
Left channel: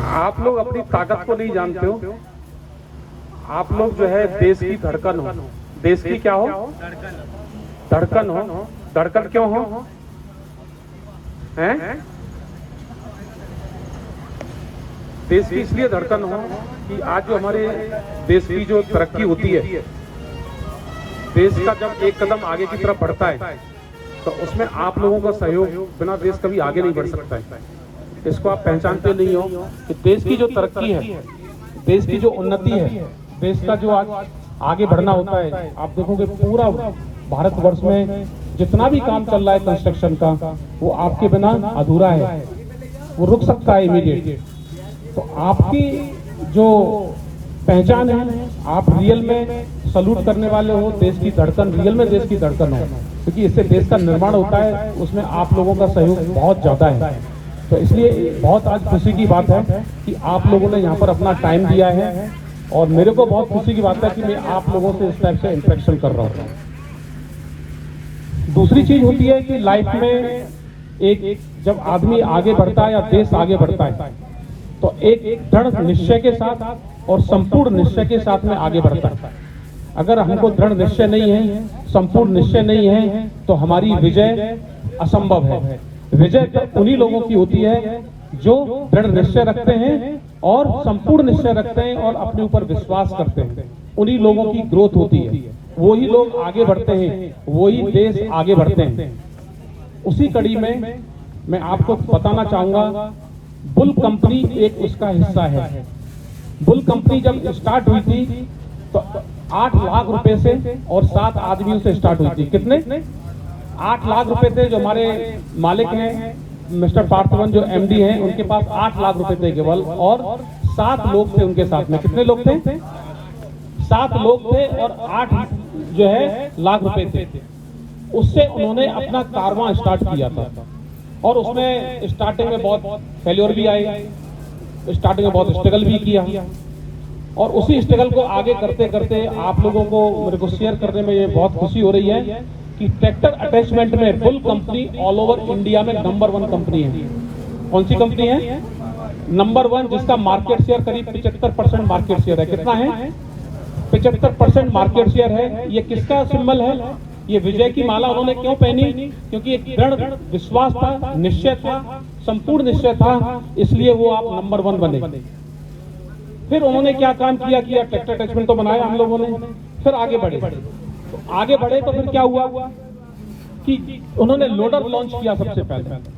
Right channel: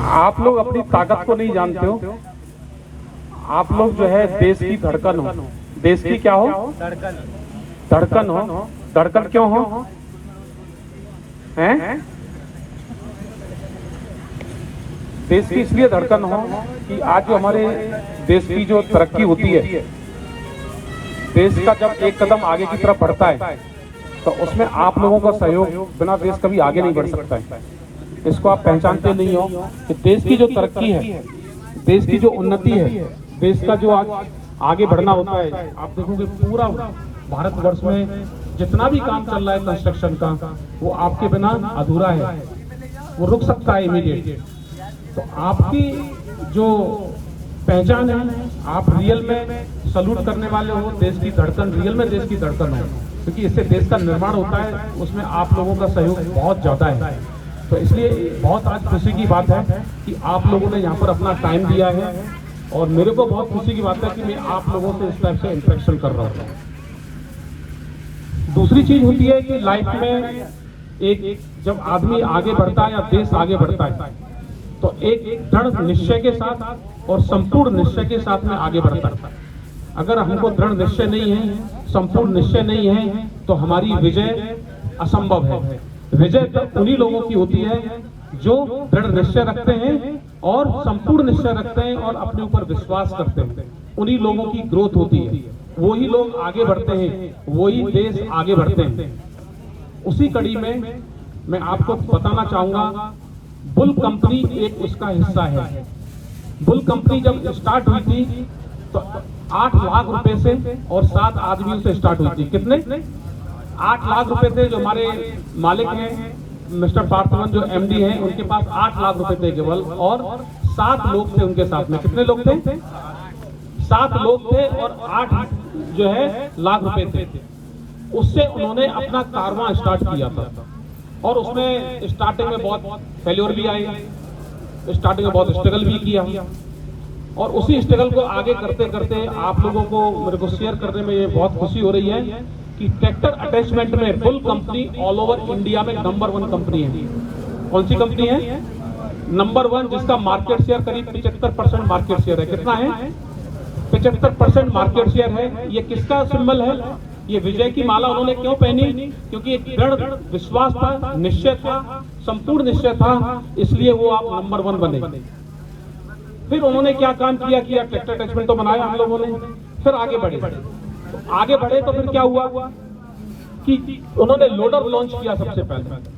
आप लोग अपनी ताकत को नहीं जानते हो। आप लोग जो है देश की धड़कन हो। देश की क्या हो? धड़कन हो। धड़कन क्यों हो? हैं? देश की इसलिए धड़कन हो कि आज जो हमारे देश की जो तरक्की होती है, देश का जब एक कदम आगे की तरफ बढ़ता है तो उसमें आप लोगों का सहयोग बिना देश कभी आगे नहीं बढ़ सकता है। इसको आप पहचानते नहीं हो कि देश की जो तरक्की है, देश की जो उन्नति है, देश का जो आज आगे बढ़ना होता है, आप देखोगे पूरा भारतवर्ष में जितना भी काम चल रहा है कंस्ट्रक्शन का, वो आपके बिना अधूरा है, वो रुक सकता है इमीडिएट। तो आपकी जो पहचान है, आप रियल में सलूट करने वाले हो। देश की धड़कन रियल में देश की धड़कन है, क्योंकि इससे देश का निर्माण होता है, उसमें आप लोगों का सहयोग बहुत ज्यादा है। तो इसलिए बहुत आज खुशी की बात है कि आप लोगों ने यहाँ पर अपना टाइम दिया है, और मेरे को बहुत खुशी की बात है कि मैं आप लोगों से इस टाइप से इंटरेक्शन कर रहा हूँ। दूसरी चीज होती है कि लाइफ में एक जब आदमी आगे बढ़ता है या देश आगे बढ़ता है, तो एक दृढ़ निश्चय के साथ और संपूर्ण निश्चय के साथ में आगे बढ़ता है। अगर हमको दृढ़ निश्चय नहीं है, संपूर्ण निश्चय नहीं है, तो हमारी विजय असंभव है। विजय तो उन्हीं लोगों की होती है जो दृढ़ निश्चय रखते हैं और संपूर्ण निश्चय रखते हैं और अपने ऊपर विश्वास करते हैं। उन्हीं लोगों की ग्रोथ होती है, वही लोग आगे बढ़ते हैं, वही देश आगे बढ़ते हैं। उसी कड़ी में मैं आपको बताना चाहूंगा, बुल कंपनी एक उसका हिस्सा है। बुल कंपनी जब स्टार्ट हुई थी तो 8 लाख रुपए से और 7 आदमियों से स्टार्ट हुई थी। कितने? 8 लाख रुपए थे। जो हमारे मालिक हैं मिस्टर पार्थवन, जो एमडी हैं, उनके पास 8 लाख रुपए थे केवल, और 7 लोग थे उनके साथ में। कितने लोग थे? 7 लोग थे और 8 जो है लाख रुपए थे। उससे उन्होंने अपना कारवां स्टार्ट किया था, और उसमें स्टार्टिंग में बहुत फेल्योर भी आए, स्टार्टिंग में बहुत स्ट्रगल भी किया, और उसी स्ट्रगल को आगे करते करते आप लोगों को मेरे को शेयर करने में ये बहुत खुशी हो रही है कि ट्रैक्टर अटैचमेंट में bull company all over India में नंबर 1 कंपनी है। कौन सी कंपनी है? नंबर 1, जिसका मार्केट शेयर करीब 75% मार्केट शेयर है। कितना है? 75% मार्केट शेयर है। ये किसका सिंबल है? ये विजय की माला उन्होंने क्यों पहनी? क्योंकि एक दृढ़ विश्वास था, निश्चय था, संपूर्ण निश्चय था, इसलिए वो आप नंबर 1 बने। फिर उन्होंने क्या काम किया? ट्रैक्टर अटैचमेंट तो बनाया हम लोगों ने, फिर आगे बढ़े। आगे बढ़े तो फिर क्या हुआ कि उन्होंने लोडर लॉन्च किया। सबसे पहले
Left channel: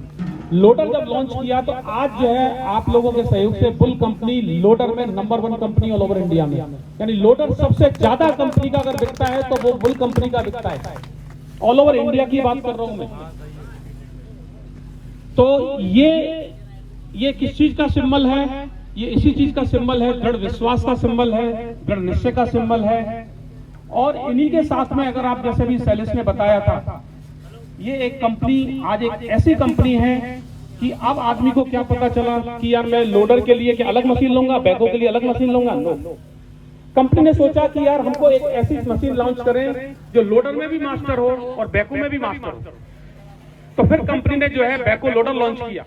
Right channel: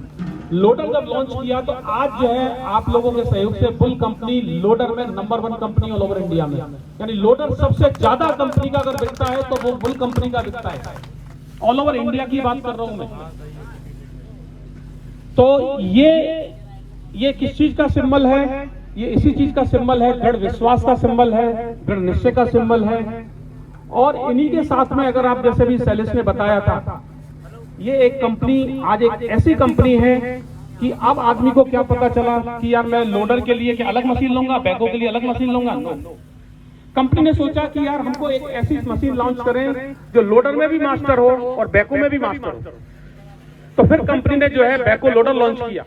लोडर जब लॉन्च किया तो आज जो है आप लोगों के सहयोग से बुल कंपनी लोडर में number 1 company all over India में, यानी लोडर सबसे ज्यादा कंपनी का अगर बिकता है तो वो बुल कंपनी का बिकता है। ऑल ओवर इंडिया की बात कर रहा हूं मैं। तो ये किस चीज का सिंबल है? ये इसी चीज का सिंबल है, दृढ़ विश्वास का सिंबल है, दृढ़ निश्चय का सिंबल है। और इन्हीं के साथ में अगर आप जैसे भी सैलिस ने बताया था, ये एक कंपनी आज एक ऐसी कंपनी है कि अब आदमी को क्या पता चला कि यार मैं लोडर के लिए क्या अलग मशीन लूंगा, बैको के लिए अलग मशीन लूंगा। कंपनी ने सोचा कि यार हमको एक ऐसी मशीन लॉन्च करें जो लोडर में भी मास्टर हो और बैको में भी मास्टर हो। तो फिर कंपनी ने जो है बैको लोडर लॉन्च किया,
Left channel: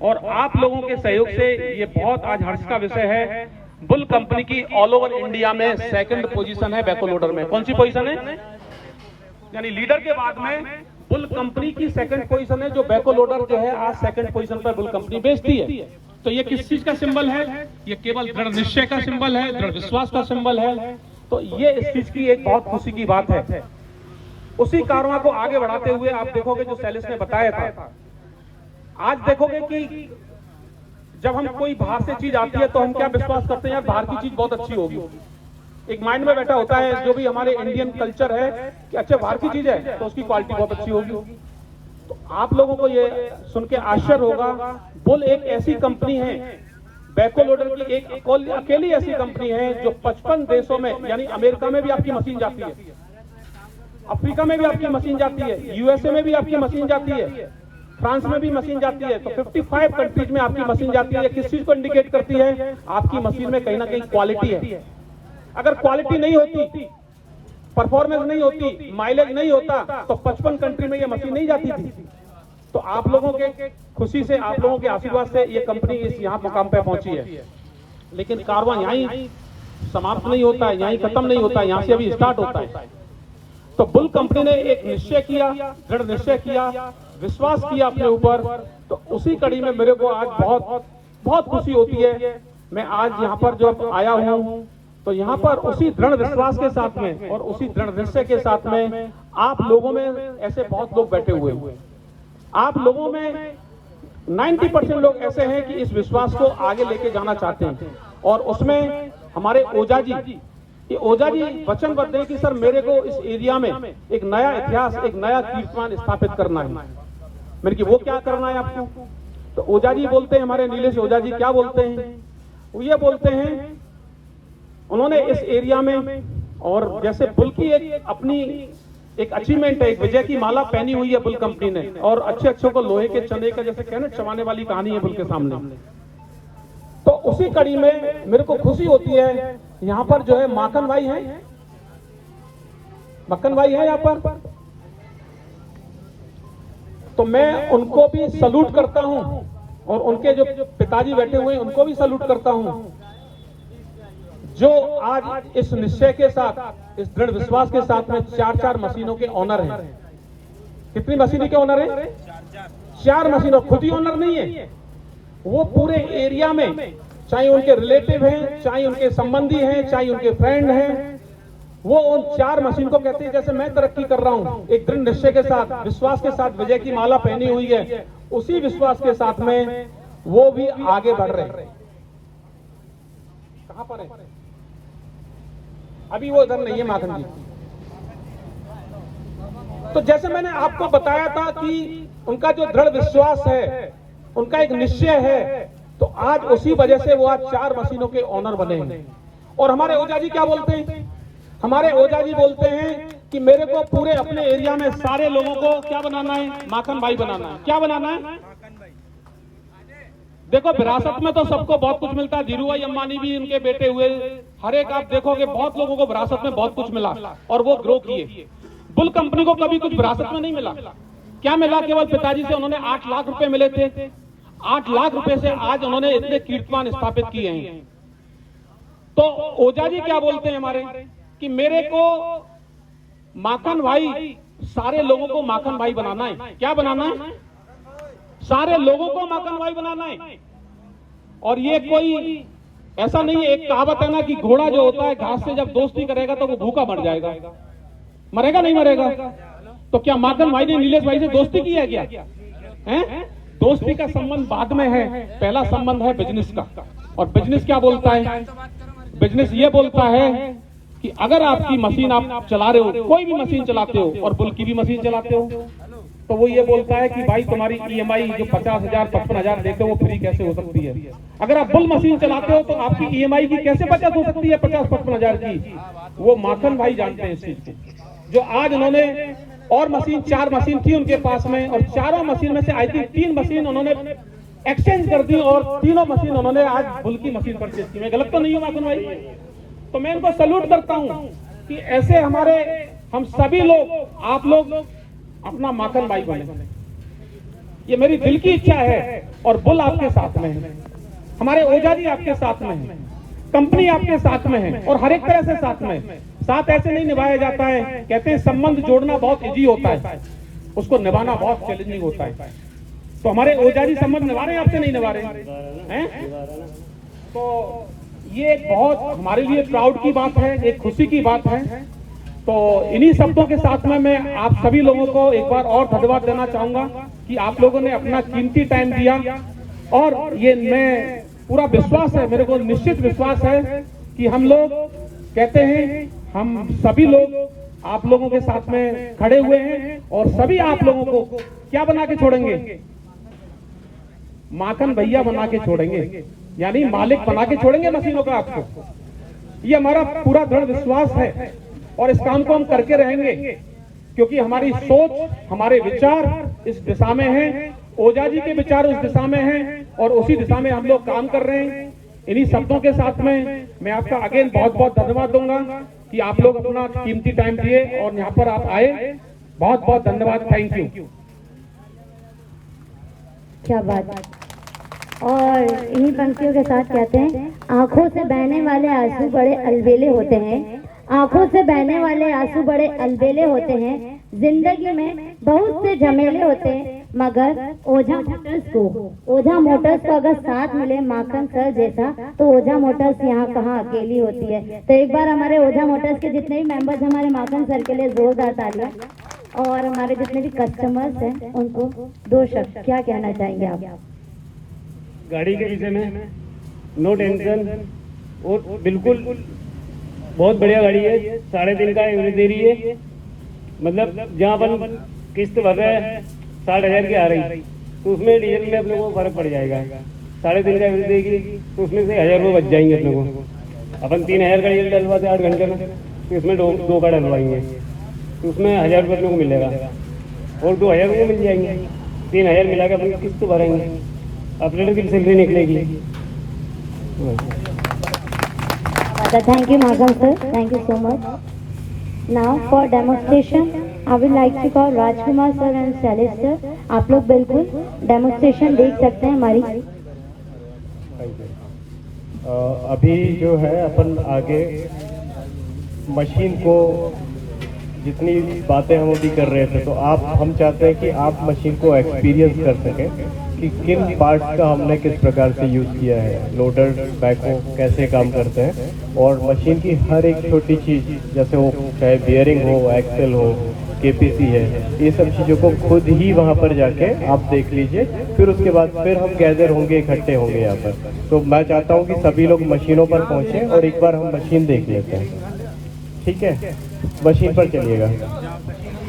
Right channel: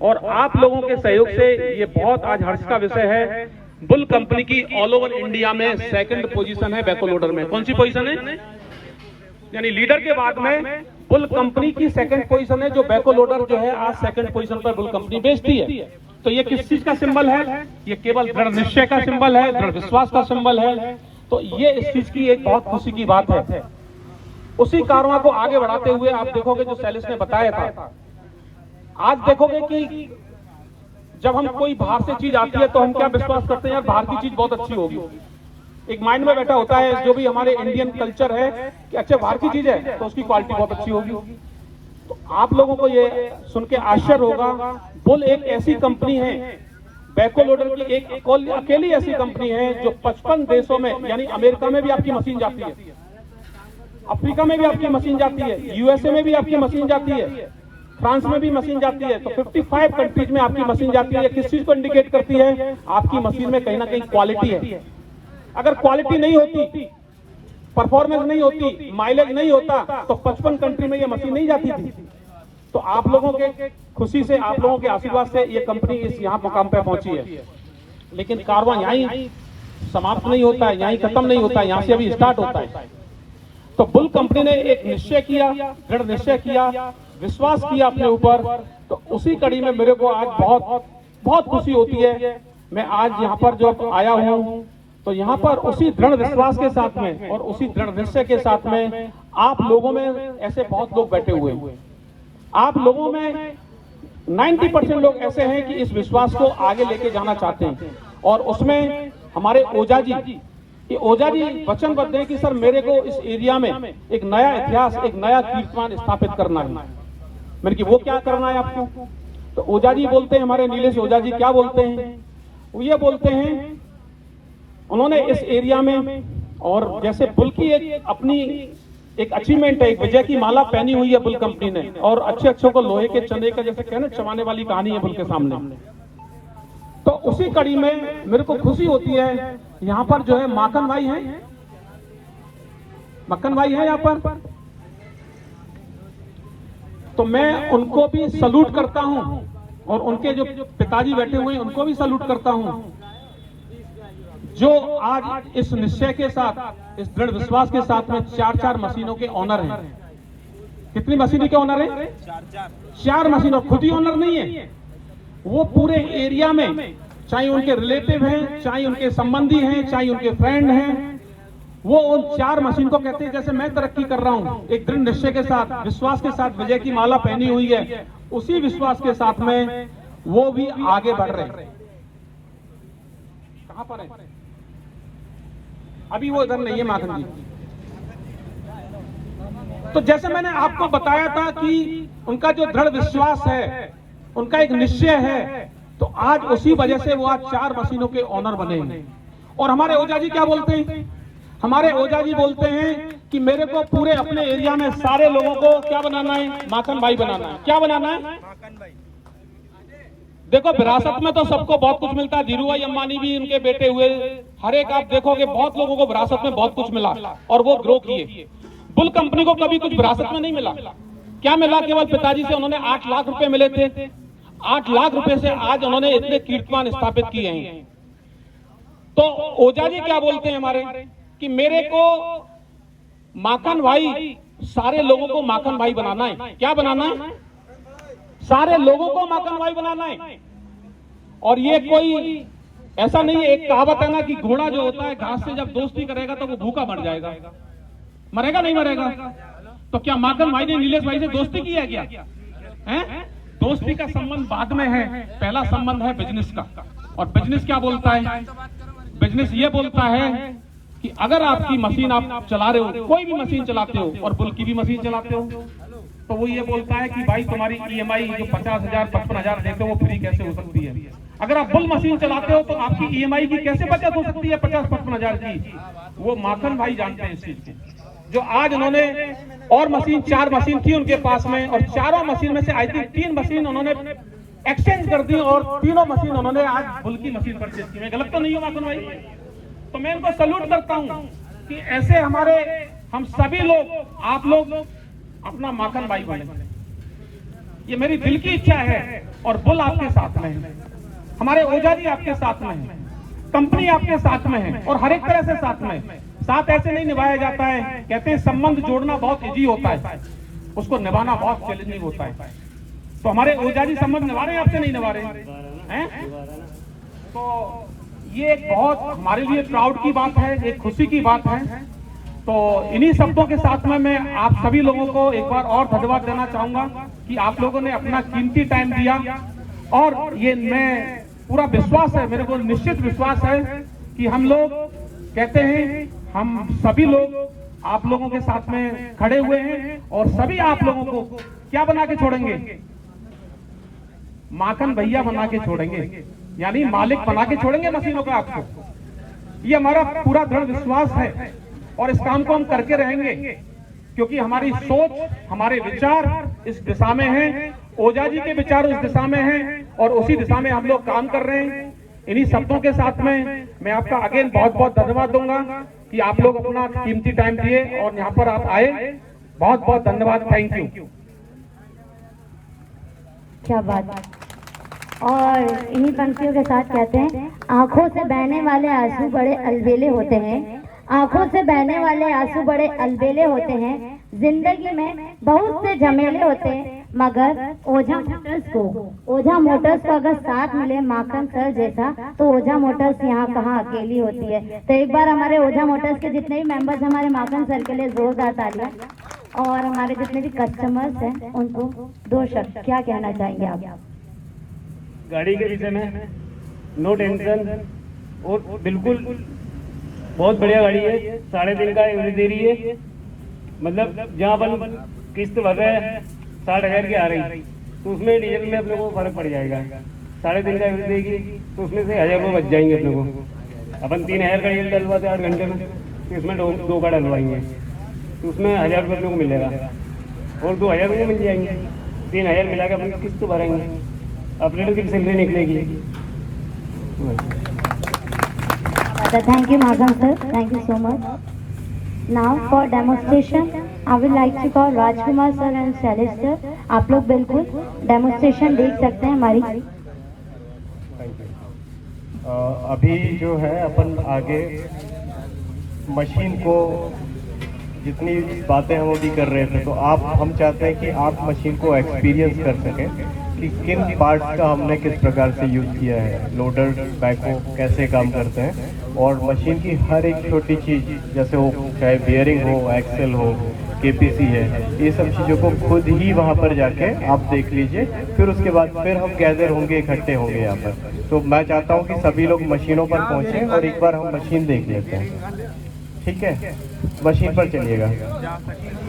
और आप लोगों के सहयोग से ये बहुत आज हर्ष का विषय है बुल कंपनी की ऑल ओवर इंडिया में सेकंड पोजीशन है बैको लोडर में। कौन सी पोजीशन है? यानी लीडर के बाद में बुल कंपनी की सेकंड पोजीशन है, जो बैको लोडर जो है आज सेकंड पोजीशन पर बुल कंपनी बेचती है। तो ये किस चीज का सिंबल है? ये केवल दृढ़ निश्चय का सिंबल है, दृढ़ विश्वास का सिंबल है। तो ये इस चीज की एक बहुत खुशी की बात है। उसी कारवां को आगे बढ़ाते हुए आप देखोगे जो सैलिस ने बताया था, आज देखोगे कि जब हम कोई बाहर से चीज आती है तो हम क्या विश्वास करते हैं, यार बाहर की चीज बहुत अच्छी होगी। एक माइंड में बैठा होता है जो भी हमारे इंडियन कल्चर है कि अच्छा बाहर की चीज है तो उसकी क्वालिटी बहुत अच्छी होगी। तो आप लोगों को ये सुन के आश्चर्य होगा, बुल एक ऐसी कंपनी है, बैको लोडर की एक अकेली ऐसी कंपनी है जो 55 देशों में, यानी अमेरिका में भी आपकी मशीन जाती है, अफ्रीका में भी आपकी मशीन जाती है, यूएसए में भी आपकी मशीन जाती है, फ्रांस में भी मशीन जाती है। तो 55 कंट्रीज में आपकी मशीन जाती है। किस चीज को इंडिकेट करती है? आपकी मशीन में कहीं ना कहीं क्वालिटी है। अगर क्वालिटी नहीं होती, परफॉर्मेंस नहीं होती, माइलेज नहीं होता तो 55 कंट्री में ये मशीन नहीं जाती थी। तो आप लोगों के खुशी से, आप लोगों के आशीर्वाद से ये कंपनी इस यहाँ मुकाम पे पहुंची है। लेकिन कारवां यहीं समाप्त नहीं होता है, यहीं खत्म नहीं होता है, यहाँ से अभी स्टार्ट होता है। तो बुल कंपनी ने एक निश्चय किया, दृढ़ निश्चय किया, विश्वास किया अपने ऊपर। तो उसी कड़ी में मेरे को आज बहुत बहुत खुशी होती है। मैं आज यहाँ पर जो आया हूँ तो यहाँ पर उसी दृढ़ विश्वास के साथ में और उसी दृढ़ निश्चय के साथ में आप लोगों में ऐसे बहुत लोग बैठे हुए हैं। आप लोगों में 90% लोग ऐसे हैं कि इस विश्वास को आगे लेके जाना चाहते हैं। और उसमें हमारे ओझा जी, ये ओझा जी वचनबद्ध हैं कि सर मेरे को इस एरिया में एक नया इतिहास, एक नया कीर्तिमान स्थापित करना है। मैंने कि वो क्या करना है आपको? तो ओझा जी बोलते हैं, हमारे नीलेश ओझा जी क्या बोलते हैं? वो ये बोलते हैं, उन्होंने इस एरिया में, और जैसे बुल की एक अपनी एक अचीवमेंट है, एक विजय की माला पहनी हुई है बुल कंपनी ने, और अच्छे को लोहे के चने का जैसे कहने चबाने वाली कहानी है बुल के सामने। तो उसी कड़ी में मेरे को खुशी होती है, यहाँ पर जो है माखन भाई है, मक्खन भाई है यहाँ पर, तो मैं उनको भी सलूट करता हूँ और उनके जो पिताजी बैठे हुए हैं उनको भी सलूट करता हूँ, जो आज इस निश्चय के साथ, इस दृढ़ विश्वास के साथ में 4 मशीनों के ऑनर हैं। कितनी मशीनों के ऑनर हैं? 4 मशीनों। खुद ही ऑनर नहीं है, वो पूरे एरिया में, चाहे उनके रिलेटिव हैं, चाहे उनके संबंधी हैं, चाहे उनके फ्रेंड हैं, वो उन 4 मशीन को कहते हैं जैसे मैं तरक्की कर रहा हूं, एक दृढ़ निश्चय के साथ, विश्वास के साथ विजय की माला पहनी हुई है, उसी विश्वास के साथ में वो भी आगे बढ़ रहे हैं। कहां पर है? अभी वो इधर नहीं है माखन जी। तो जैसे मैंने आपको बताया था कि उनका जो दृढ़ विश्वास है, उनका एक निश्चय है, तो आज उसी वजह से वो आज 4 मशीनों के ऑनर बने हैं। और हमारे ओझा जी क्या बोलते हैं? हमारे ओझा जी बोलते हैं कि मेरे को पूरे अपने एरिया में सारे लोगों को क्या बनाना है? माखन भाई बनाना है। क्या बनाना है? देखो विरासत में तो सबको बहुत कुछ मिलता है, धीरू भाई अंबानी भी उनके बेटे हुए, हर एक आप देखोगे बहुत लोगों को विरासत में बहुत कुछ मिला और वो ग्रो किए। बुल कंपनी को कभी कुछ विरासत में नहीं मिला। क्या मिला? केवल पिताजी से उन्होंने 8 लाख रुपए मिले थे। 8 लाख रुपए से आज उन्होंने इतने कीर्तिमान स्थापित किए हैं। तो ओझा जी क्या बोलते हैं हमारे कि मेरे को माखन भाई, सारे लोगों को माखन भाई बनाना है। क्या बनाना है? सारे लोगों को माखन भाई बनाना है। और ये कोई ऐसा नहीं है, एक कहावत है ना कि घोड़ा जो होता है घास से जब दोस्ती करेगा तो वो भूखा मर जाएगा। मरेगा नहीं मरेगा? तो क्या माखन भाई ने नीलेश भाई से दोस्ती की है क्या? हैं? दोस्ती का संबंध बाद में है, पहला संबंध है बिजनेस का। और बिजनेस क्या बोलता है? बिजनेस ये बोलता है कि अगर आपकी मशीन आप चला रहे हो, कोई भी मशीन चलाते हो और बुल की भी मशीन चलाते हो, तो वो ये बोलता है कि भाई तुम्हारी ईएमआई जो 50,000 55,000 देते हो वो फ्री कैसे हो सकती है? अगर आप बुल मशीन चलाते हो तो आपकी ईएमआई की कैसे बचत हो सकती है 50-55,000 की? वो माखन भाई जानते हैं इस चीज को। जो आज उन्होंने और मशीन 4 मशीन थी उनके पास में, और 4 मशीन में से आई थिंक 3 मशीन उन्होंने एक्सचेंज कर दी और 3 मशीन उन्होंने आज बुल की मशीन परचेज की। मैं गलत तो नहीं हूँ माखन भाई? तो मैं इनको सल्यूट करता हूँ कि ऐसे हमारे हम सभी लोग, आप लोग अपना माखन भाई बने। ये मेरी दिल की इच्छा है। और बुल आपके साथ में है, हमारे ओझा जी आपके साथ में है। कंपनी आपके साथ में है और हर एक तरह से साथ में है। साथ ऐसे नहीं निभाया जाता है, कहते हैं संबंध जोड़ना बहुत इजी होता है, उसको निभाना बहुत चैलेंजिंग होता है। तो हमारे ओझा जी संबंध निभा रहे हैं, आपसे नहीं निभा रहे हैं? तो ये एक बहुत हमारे लिए प्राउड की बात है, एक खुशी की बात है। तो इन्हीं शब्दों के साथ में मैं आप सभी लोगों को एक बार और धन्यवाद देना चाहूंगा कि आप लोगों ने अपना कीमती टाइम दिया। और ये मैं पूरा विश्वास है, मेरे को निश्चित विश्वास है कि हम लोग कहते हैं, हम सभी लोग आप लोगों के साथ में खड़े हुए हैं और सभी आप लोगों को क्या बना के छोड़ेंगे? माखन भैया बना के छोड़ेंगे, यानी मालिक बना के छोड़ेंगे मशीनों का आपको। ये हमारा पूरा दृढ़ विश्वास है और इस काम को हम करके रहेंगे, क्योंकि हमारी सोच, हमारे विचार इस दिशा में हैं, ओझा जी के विचार उस दिशा में हैं और उसी दिशा में हम लोग काम कर रहे हैं। इन्हीं शब्दों के साथ में मैं आपका अगेन बहुत बहुत धन्यवाद दूंगा कि आप लोग अपना कीमती टाइम दिए और यहाँ पर आप आए। बहुत बहुत धन्यवाद, थैंक यू। क्या बात है। और इन्हीं पंक्तियों के साथ कहते हैं, आंखों से बहने वाले आंसू बड़े अलबेले होते हैं, आंखों से बहने वाले आंसू बड़े अलबेले होते हैं, जिंदगी में बहुत से झमेले होते हैं, मगर ओझा मोटर्स को अगर साथ मिले माखन सर जैसा, तो ओझा मोटर्स यहाँ कहाँ अकेली होती है। तो एक बार हमारे ओझा मोटर्स के जितने भी मेंबर्स हमारे माखन सर के लिए जोरदार तालियां, और हमारे जितने भी कस्टमर्स हैं उनको दो शब्द क्या कहना चाहेंगे आप? गाड़ी के विषय में नो टेंशन, और बिल्कुल बहुत बढ़िया गाड़ी है। 3.5 का एवरेज दे रही है, मतलब जहाँ अपन किस्त भर रहे हैं 60,000 की आ रही, तो उसमें डीजल में अपने को फर्क पड़ जाएगा। 3.5 का एवरेज देगी तो उसमें से 1000 रुपये बच जाएंगे अपने को। अपन 3000 का डीजल डलवाते 8 घंटे में, तो उसमें दो का डलवाएंगे तो उसमें 1000 रुपये अपने को मिलेगा और 2000 रुपये मिल जाएंगे। 3000 मिला के अपनी किस्त भरेंगे, अपने लोग की सैलरी निकलेगी। Thank you, Madhav sir. Thank you so much. Now for demonstration, I would like to call Rajkumar sir and Shailesh sir. आप लोग बिल्कुल डेमोन्स्ट्रेशन देख सकते हैं हमारी। अभी जो है अपन आगे मशीन को जितनी बातें वो भी कर रहे थे, तो हम चाहते हैं कि आप मशीन को एक्सपीरियंस कर सकें कि किन पार्ट्स का हमने किस प्रकार से यूज़ किया है, लोडर बैको कैसे काम करते हैं, और मशीन की हर एक छोटी चीज़, जैसे वो चाहे बियरिंग हो, एक्सेल हो, केपीसी है, ये सब चीज़ों को खुद ही वहाँ पर जाके आप देख लीजिए। फिर उसके बाद फिर हम गैदर होंगे, इकट्ठे होंगे यहाँ पर। तो मैं चाहता हूँ कि सभी लोग मशीनों पर पहुँचें और एक बार हम मशीन देख लेते हैं, ठीक है? मशीन पर चलिएगा।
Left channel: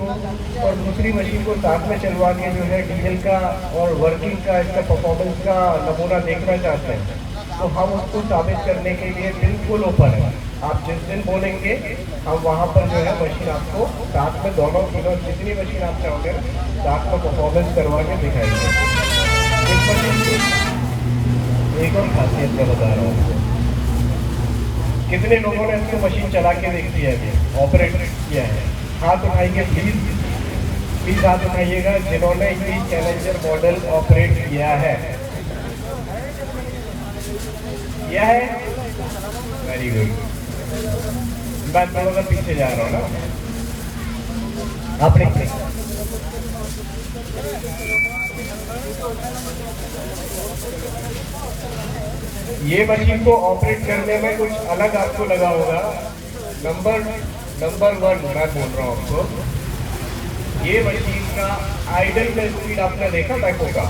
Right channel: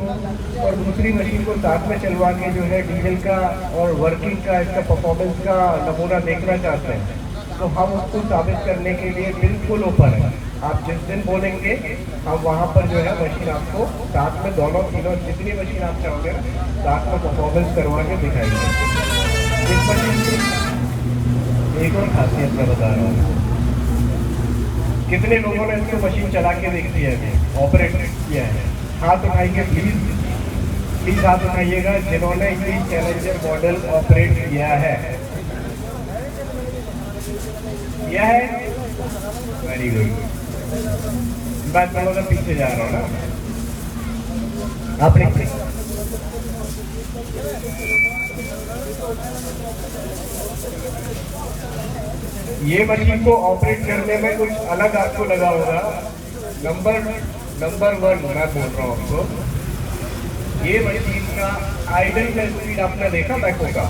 और दूसरी मशीन को साथ में चलवा के जो है डीजल का और वर्किंग का, इसका परफॉर्मेंस का नमूना देखना चाहते हैं, तो हम उसको साबित करने के लिए बिल्कुल ओपन है। आप जिस दिन बोलेंगे हम वहाँ पर जो है मशीन आपको साथ में दोनों तीनों जितनी मशीन आप चाहोगे साथ में परफॉर्मेंस करवा के दिखाएंगे। इस मशीन की एक और खासियत मैं बता रहा हूँ। कितने लोगों ने इसको मशीन चला के देखी है, ऑपरेट किया है? हाथ उठाइए प्लीज हाथ उठाइएगा जिन्होंने ये चैलेंजर मॉडल ऑपरेट किया है। किया है? Very good. मैं थोड़ा सा पीछे जा रहा हूँ ना, आपने ये मशीन को ऑपरेट करने में कुछ अलग आपको लगा होगा। नंबर 1 मैं बोल रहा हूँ आपको, ये मशीन का आइडल का स्पीड आपने देखा बैको का?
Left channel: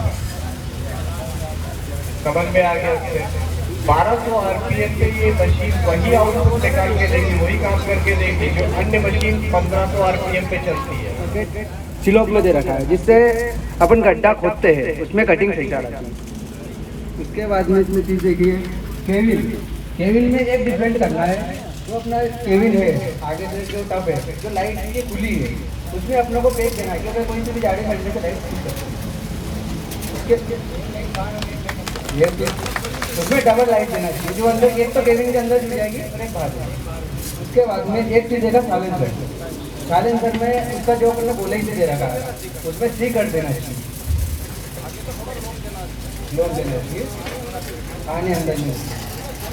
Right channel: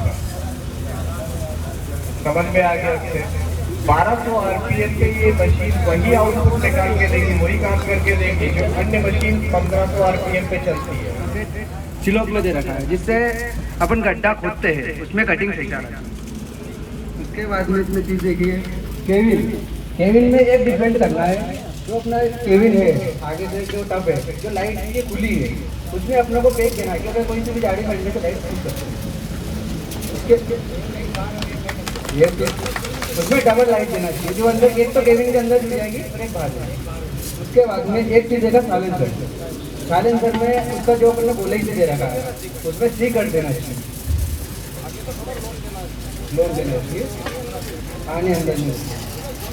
समझ में आ गया उससे? 1200 आरपीएम पे ये मशीन वही आउटपुट निकाल के देगी, वही काम करके देगी जो अन्य मशीन 1500 आरपीएम पे चलती है। सिलोक में दे रखा है जिससे अपन गड्ढा खोदते हैं, उसमें कटिंग सही कर रहा है। उसके बाद में इसमें चीज़ देखिए, केविन में एक डिफरेंट करना है। जो अपना केविन है आगे से जो टब है, जो लाइट ये खुली है, उसमें अपने को पेज देना है कि अगर कोई सी भी गाड़ी मरने से लाइट खुल सकती है। उसके ये उसमें डबल लाइट देना चाहिए, जो अंदर एक तो केविन के अंदर जुड़ जाएगी और एक बाहर जाएगी। उसके बाद में एक चीज़ देगा साइलेंसर में उसका जो अपने बोले ही से दे रखा है, उसमें सी कर देना चाहिए, लोड देना चाहिए, आने अंदर नहीं।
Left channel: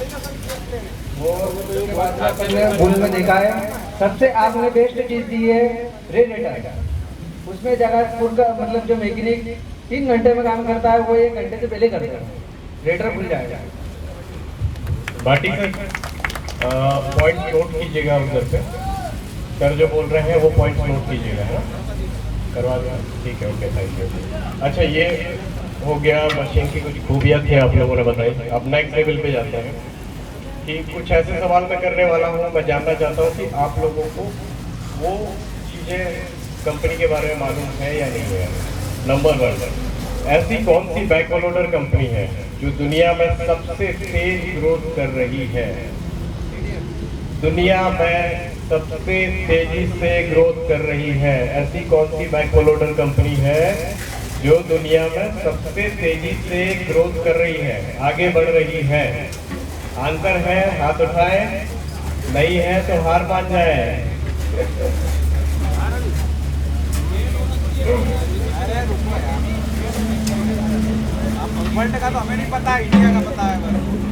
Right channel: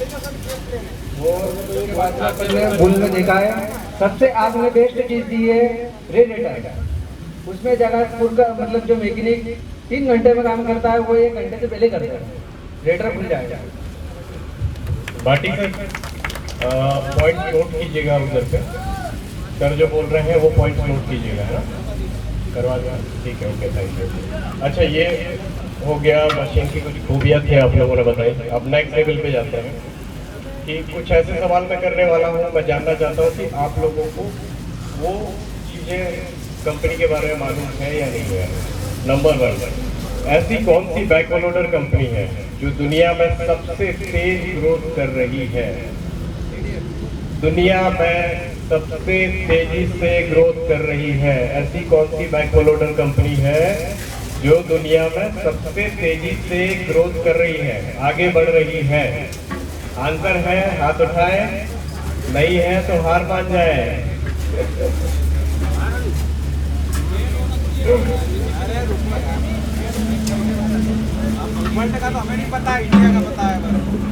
उसके बाद में आपने बुल में देखा है सबसे आपने बेस्ट चीज दी है रेडिएटर। उसमें जगह फुल का मतलब जो मैकेनिक 3 घंटे में काम करता है वो 1 घंटे से पहले करता है, रेडिएटर खुल जाएगा। बाटी सर पॉइंट नोट कीजिएगा उधर पे, सर जो बोल रहे हैं वो पॉइंट नोट कीजिएगा, है ना, करवा दें, ठीक है, ओके, थैंक यू। अच्छा, ये हो गया मशीन की कुछ खूबियाँ थी आप लोगों ने बताई। अब नेक्स्ट लेवल पे जाते हैं कि कुछ ऐसे सवाल मैं करने वाला हूँ, मैं जानना चाहता हूँ कि आप लोगों को वो चीज़ें कंपनी के बारे में मालूम है या नहीं है। नंबर 1, ऐसी कौन सी बैकहोल लोडर कंपनी है जो दुनिया में सबसे तेज ग्रोथ कर रही है? दुनिया में सबसे तेजी से ग्रोथ कर रही है, ऐसी कौन सी बैकहोल लोडर कंपनी है जो दुनिया में सबसे तेजी से ग्रोथ कर रही है, आगे बढ़ रही है? आंसर है, हाथ उठाए, नहीं है तो हार मान जाए। वर्ल्ड का तो हमें नहीं पता, इंडिया का पता है।